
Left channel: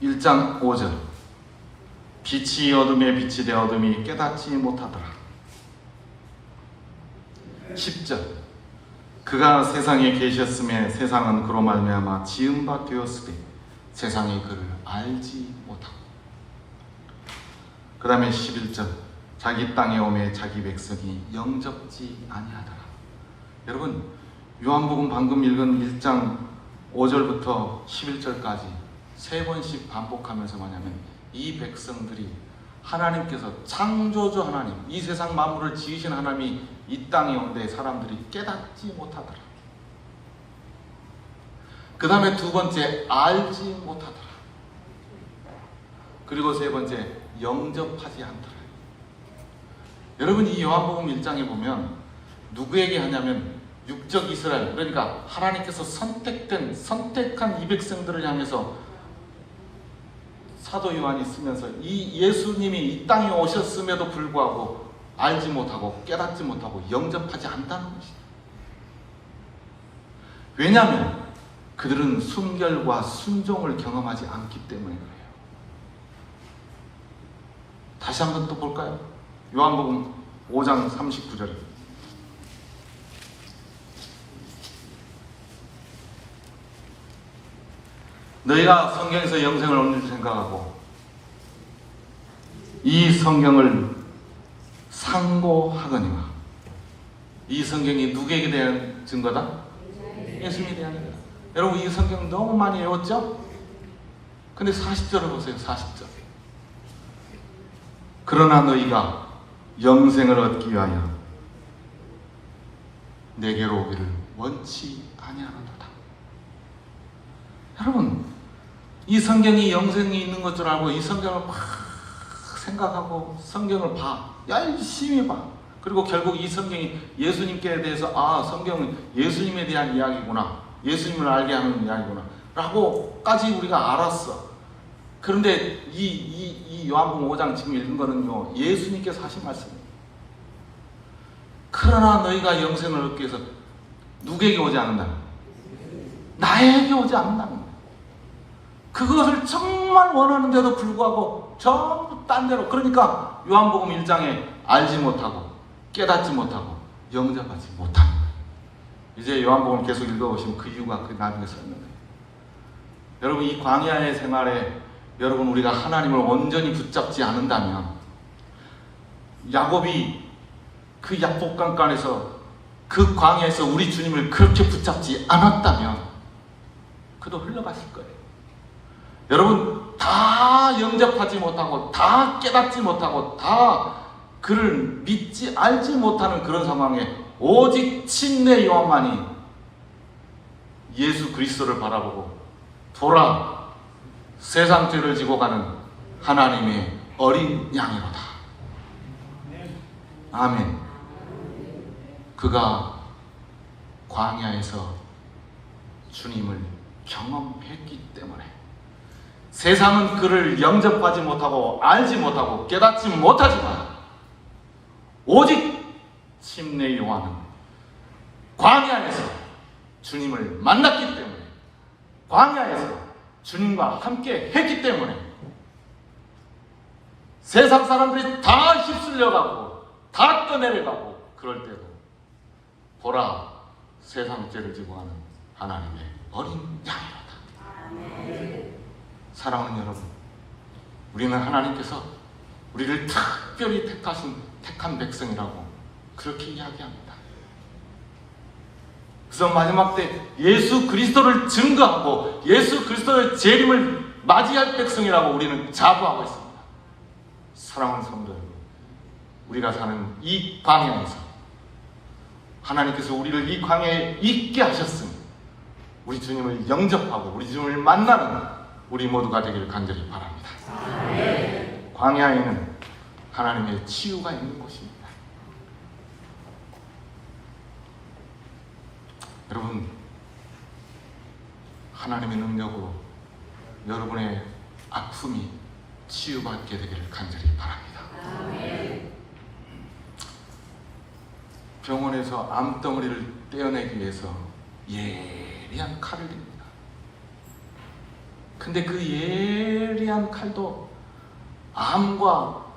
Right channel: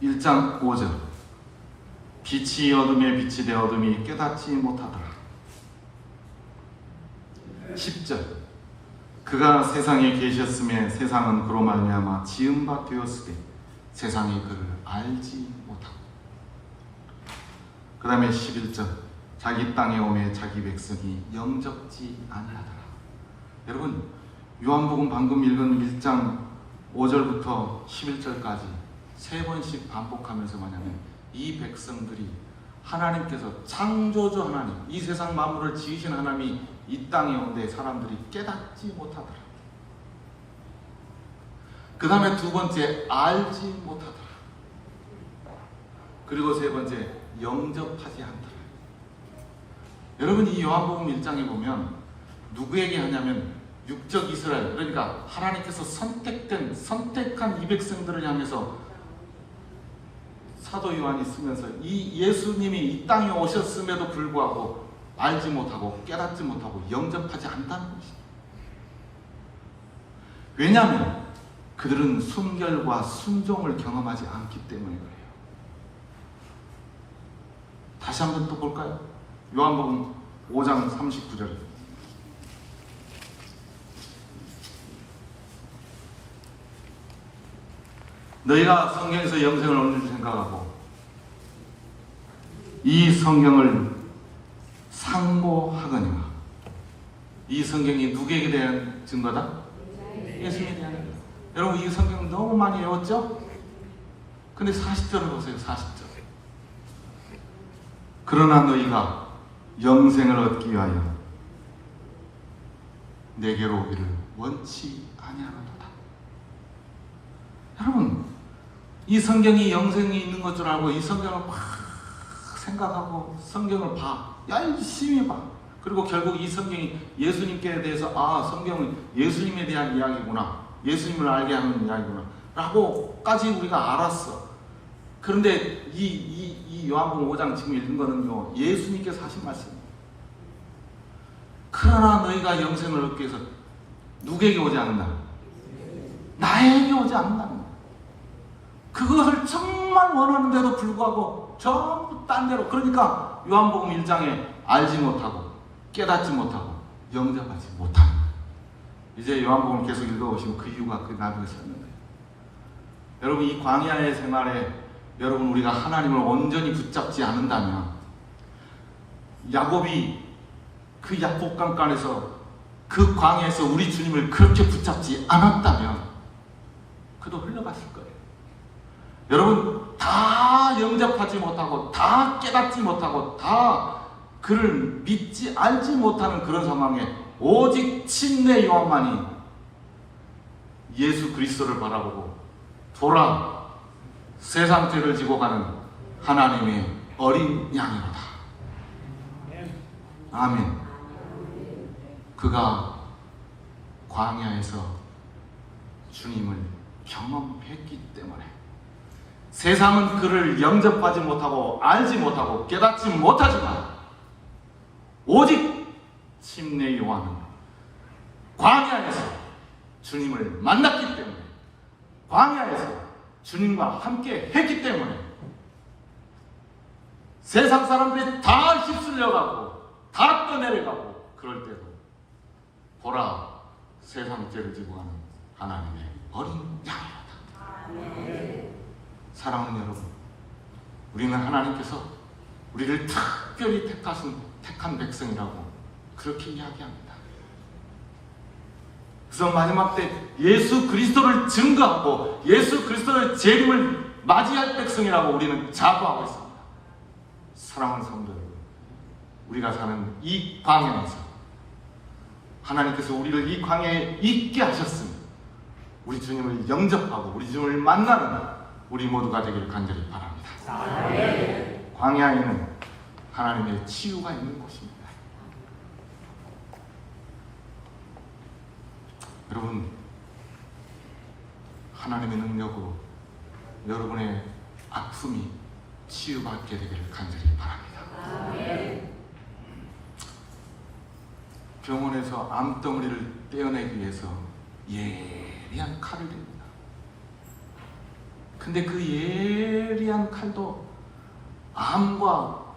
(1장 5절) 빛이 어둠에 빛이 되어 어둠이 깨닫지 못하더라. 10절 그가 세상에 계셨음에 세상은 그로 말미암아 지은 바 되었으되 세상이 그를 알지 못하고. 그 다음에 11절 자기 땅에 오매 자기 백성이 영접지 아니하더라. 여러분, 요한복음 방금 읽은 1장 5절부터 11절까지 세 번씩 반복하면서 뭐냐면, 이 백성들이 하나님께서 창조주 하나님, 이 세상 만물을 지으신 하나님이 이 땅에 온데 사람들이 깨닫지 못하더라. 그 다음에 두 번째, 알지 못하더라. 그리고 세 번째, 영접하지 않더라. 여러분, 이 요한복음 1장에 보면 누구에게 하냐면 육적 이스라엘, 그러니까 하나님께서 선택한 이 백성들을 향해서 사도 요한이 쓰면서 이 예수님이 이 땅에 오셨음에도 불구하고 알지 못하고 깨닫지 못하고 영접하지 않다는 것입니다. 왜냐하면 그들은 순결과 순종을 경험하지 않기 때문에 그래요. 다시 한번 또 볼까요? 요한복음 5장 39절. 너희가 성경에서 영생을 얻는 줄 생각하고 이 성경을 상고하거니와. 이 성경이 누구에게 대한 증거다? 예수님에 대한 증거. 여러분, 이 성경 너무 많이 외웠죠? 근데 40절을 보세요. 40절. 그러나 너희가 영생을 얻기 위하여 내게로 오기를 원치 아니하노라. 여러분, 이 성경이 영생이 있는 것 줄 알고 이 성경을 막 생각하고 성경을 봐. 열심히 봐. 그리고 결국 이 성경이 예수님께 대해서 성경은 예수님에 대한 이야기구나. 예수님을 알게 하는 이야기구나. 라고까지 우리가 알았어. 그런데 이 요한복음 5장 지금 읽은 거는요, 예수님께서 하신 말씀입니다. 그러나 너희가 영생을 얻기 위해서 누구에게 오지 않는다? 나에게 오지 않는다. 그것을 정말 원하는데도 불구하고 전부 딴 데로. 그러니까 요한복음 1장에 알지 못하고 깨닫지 못하고 영접하지 못하는. 이제 요한복음 계속 읽어보시면 그 이유가 그 나중에 설명돼요. 여러분, 이 광야의 생활에 여러분 우리가 하나님을 온전히 붙잡지 않는다면, 야곱이 그 약복강간에서 그 광야에서 우리 주님을 그렇게 붙잡지 않았다면 그도 흘러갔을 거예요. 여러분, 다 영접하지 못하고 다 깨닫지 못하고 다 그를 믿지 알지 못하는 그런 상황에 오직 침례 요한만이 예수 그리스도를 바라보고 보라, 세상 죄를 지고 가는 하나님의 어린 양이로다. 아멘. 그가 광야에서 주님을 경험했기 때문에 세상은 그를 영접하지 못하고 알지 못하고 깨닫지 못하지만 오직 침례 요한은 광야에서 주님을 만났기 때문에, 광야에서 주님과 함께 했기 때문에 세상 사람들이 다 휩쓸려가고 다 떠내려가고 그럴 때도 보라, 세상 죄를 지고 하는 하나님의 어린 양이다. 사랑하는 여러분, 우리는 하나님께서 우리를 특별히 택한 백성이라고 그렇게 이야기합니다. 그래서 마지막 때 예수 그리스도를 증거하고 예수 그리스도의 재림을 맞이할 백성이라고 우리는 자부하고 있습니다. 사랑하는 성도 여러분, 우리가 사는 이 광야에서 하나님께서 우리를 이 광야에 있게 하셨으니 우리 주님을 영접하고 우리 주님을 만나는 우리 모두가 되기를 간절히 바랍니다. 광야에는 하나님의 치유가 있는 곳입니다. 여러분, 하나님의 능력으로 여러분의 아픔이 치유받게 되기를 간절히 바랍니다. 병원에서 암덩어리를 떼어내기 위해서 예리한 칼을 듭니다. 근데 그 예리한 칼도 암과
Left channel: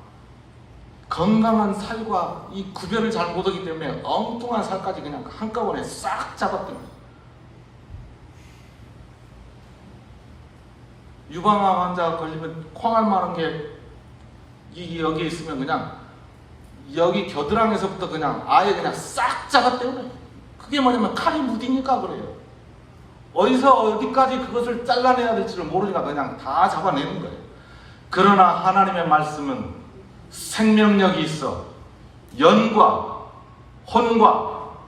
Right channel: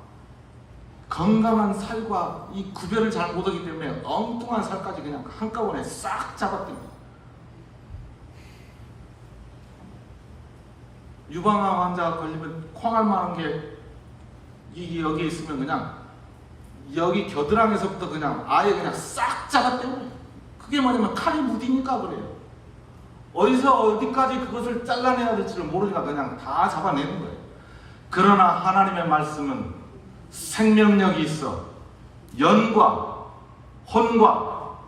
건강한 살과 이 구별을 잘 못하기 때문에 엉뚱한 살까지 그냥 한꺼번에 싹 잡았답니다. 유방암 환자가 걸리면 콩알 만한 게 여기에 있으면 그냥 여기 겨드랑이에서부터 그냥 아예 그냥 싹 잡았대요. 그게 뭐냐면 칼이 무디니까 그래요. 어디서 어디까지 그것을 잘라내야 될지를 모르니까 그냥 다 잡아내는 거예요. 그러나 하나님의 말씀은 생명력이 있어 연과 혼과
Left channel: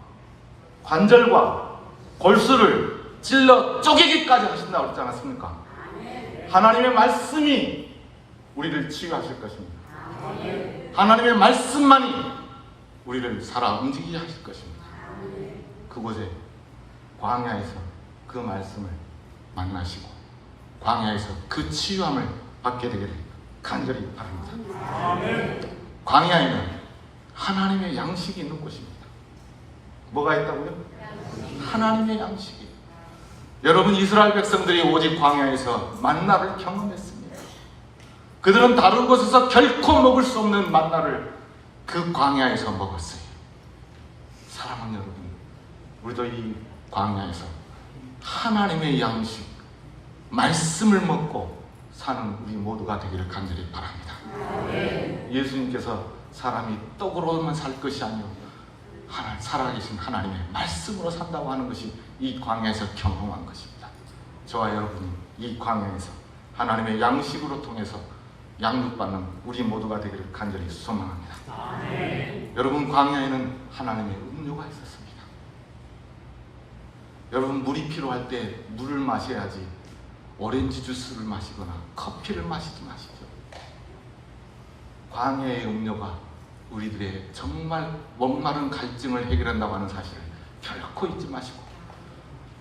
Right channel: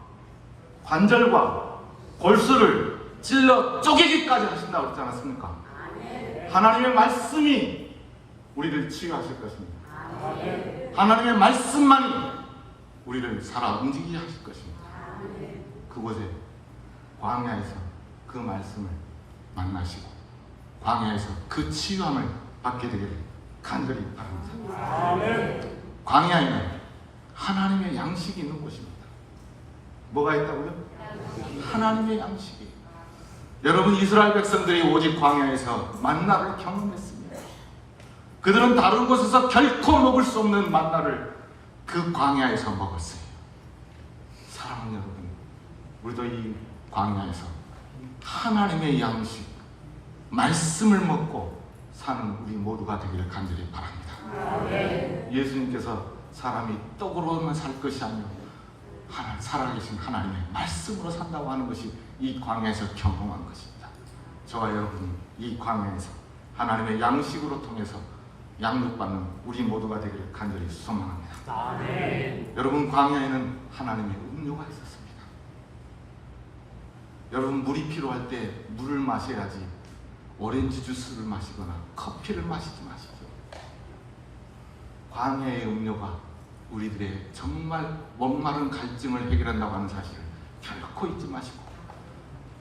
관절과 골수를 찔러 쪼개기까지 하신다고 그러지 않았습니까? 하나님의 말씀이 우리를 치유하실 것입니다. 하나님의 말씀만이 우리를 살아 움직이게 하실 것입니다. 그곳에 광야에서 그 말씀을 만나시고 광야에서 그 치유함을 받게 되기를 간절히 바랍니다. 광야에는 하나님의 양식이 있는 곳입니다. 뭐가 있다고요? 하나님의 양식이. 여러분, 이스라엘 백성들이 오직 광야에서 만나를 경험했습니다. 그들은 다른 곳에서 결코 먹을 수 없는 만나를 그 광야에서 먹었어요. 사랑하는 여러분, 우리도 이 광야에서 하나님의 양식, 말씀을 먹고 사는 우리 모두가 되기를 간절히 바랍니다. 예수님께서 사람이 떡으로만 살 것이 아니고 살아계신 하나님의 말씀으로 산다고 하는 것이 이 광야에서 경험한 것입니다. 저와 여러분이 이 광야에서 하나님의 양식으로 통해서 양육받는 우리 모두가 되기를 간절히 소망합니다. 여러분, 광야에는 하나님의 음료가 있었습니다. 여러분, 물이 필요할 때 물을 마셔야지 오렌지 주스를 마시거나 커피를 마시지 마십시오. 광야의 음료가 우리들의 정말 목마른 갈증을 해결한다고 하는 사실을 결코 잊지 마시고,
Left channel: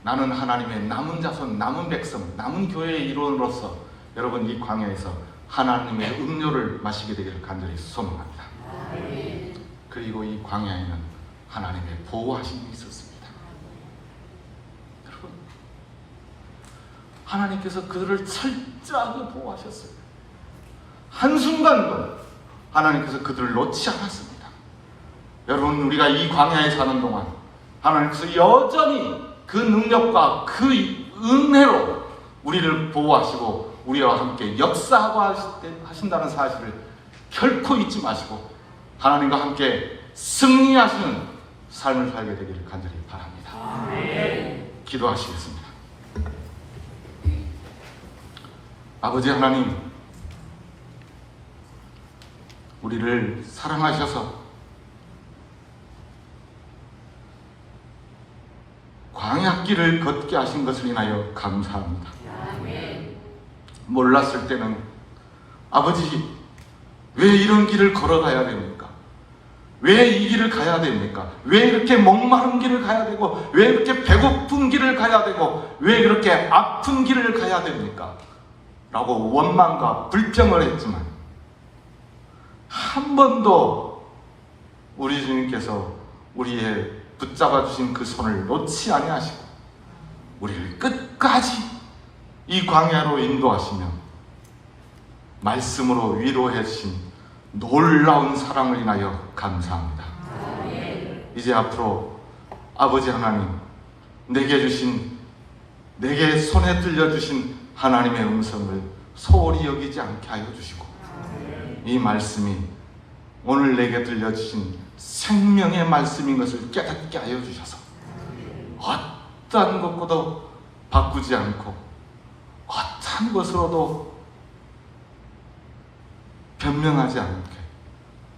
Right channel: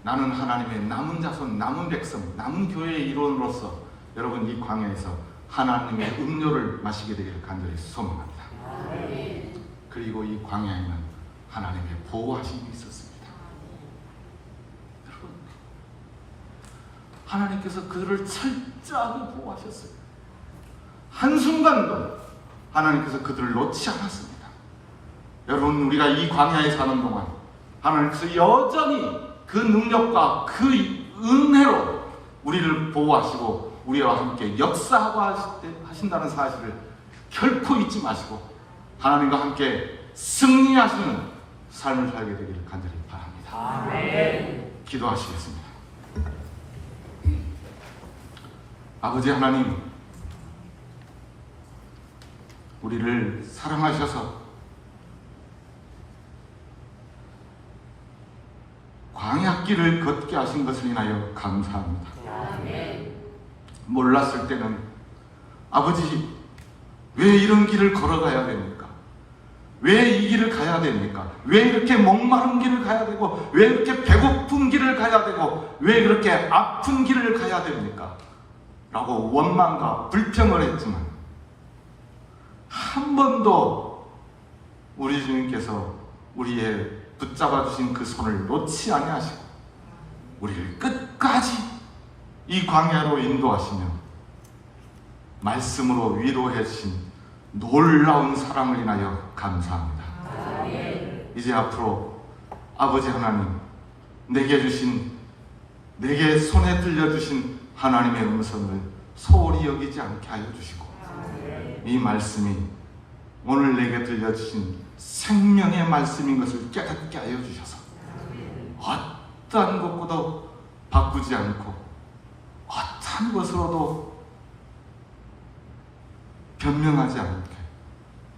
나는 하나님의 남은 자손, 남은 백성, 남은 교회의 일원으로서 여러분 이 광야에서 하나님의 음료를 마시게 되기를 간절히 소망합니다. 그리고 이 광야에는 하나님의 보호하심이 있었습니다. 여러분, 하나님께서 그들을 철저하게 보호하셨어요. 한순간도 하나님께서 그들을 놓지 않았습니다. 여러분, 우리가 이 광야에 사는 동안 하나님께서 여전히 그 능력과 그 은혜로 우리를 보호하시고 우리와 함께 역사하고 하신다는 사실을 결코 잊지 마시고 하나님과 함께 승리하시는 삶을 살게 되기를 간절히 바랍니다. 기도하시겠습니다. 아버지 하나님, 우리를 사랑하셔서 광야길을 걷게 하신 것을 인하여 감사합니다. 몰랐을 때는 아버지, 왜 이런 길을 걸어가야 됩니까? 왜 이 길을 가야 됩니까? 왜 이렇게 목마른 길을 가야 되고, 왜 이렇게 배고픈 길을 가야 되고, 왜 이렇게 아픈 길을 가야 됩니까? 라고 원망과 불평을 했지만 한 번도 우리 주님께서 우리의 붙잡아 주신 그 손을 놓지 아니하시고 우리를 끝까지 이 광야로 인도하시며 말씀으로 위로해 주신 놀라운 사랑을 인하여 감사합니다. 이제 앞으로 아버지 하나님, 내게 손에 들려주신 하나님의 음성을 소홀히 여기지 않게 하여 주시고, 이 말씀이 오늘 내게 들려주신 생명의 말씀인 것을 깨닫게 하여 주셔서 어떠한 것보다 바꾸지 않고 어떠한 것으로도 변명하지 않게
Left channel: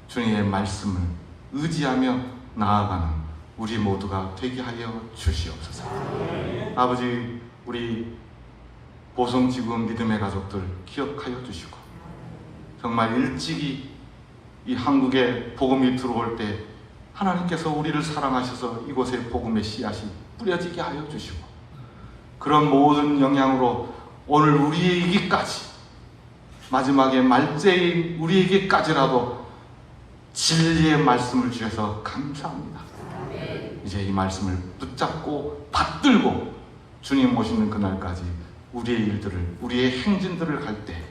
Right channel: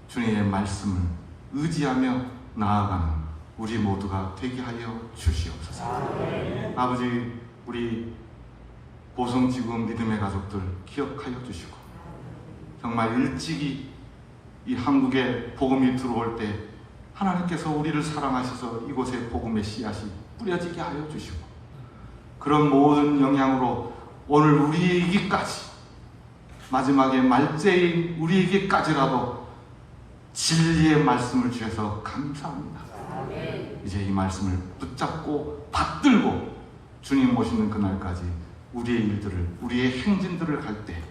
주님의 말씀을 의지하며 나아가는 우리 모두가 되게 하여 주시옵소서. 아버지, 우리 보성지구 믿음의 가족들 기억하여 주시고, 정말 일찍이 이 한국에 복음이 들어올 때 하나님께서 우리를 사랑하셔서 이곳에 복음의 씨앗이 뿌려지게 하여 주시고, 그런 모든 영향으로 오늘 우리에게까지, 마지막에 말제인 우리에게까지라도 진리의 말씀을 주셔서 감사합니다. 이제 이 말씀을 붙잡고 받들고 주님 오시는 그날까지 우리의 일들을, 우리의 행진들을 할 때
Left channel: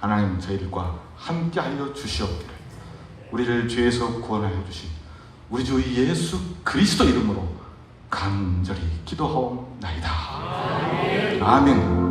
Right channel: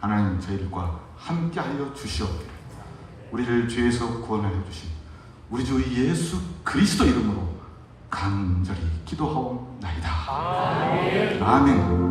하나님 저희들과 함께 하여 주시옵기를 우리를 죄에서 구원하여 주신 우리 주 예수 그리스도 이름으로 간절히 기도하옵나이다. 아멘.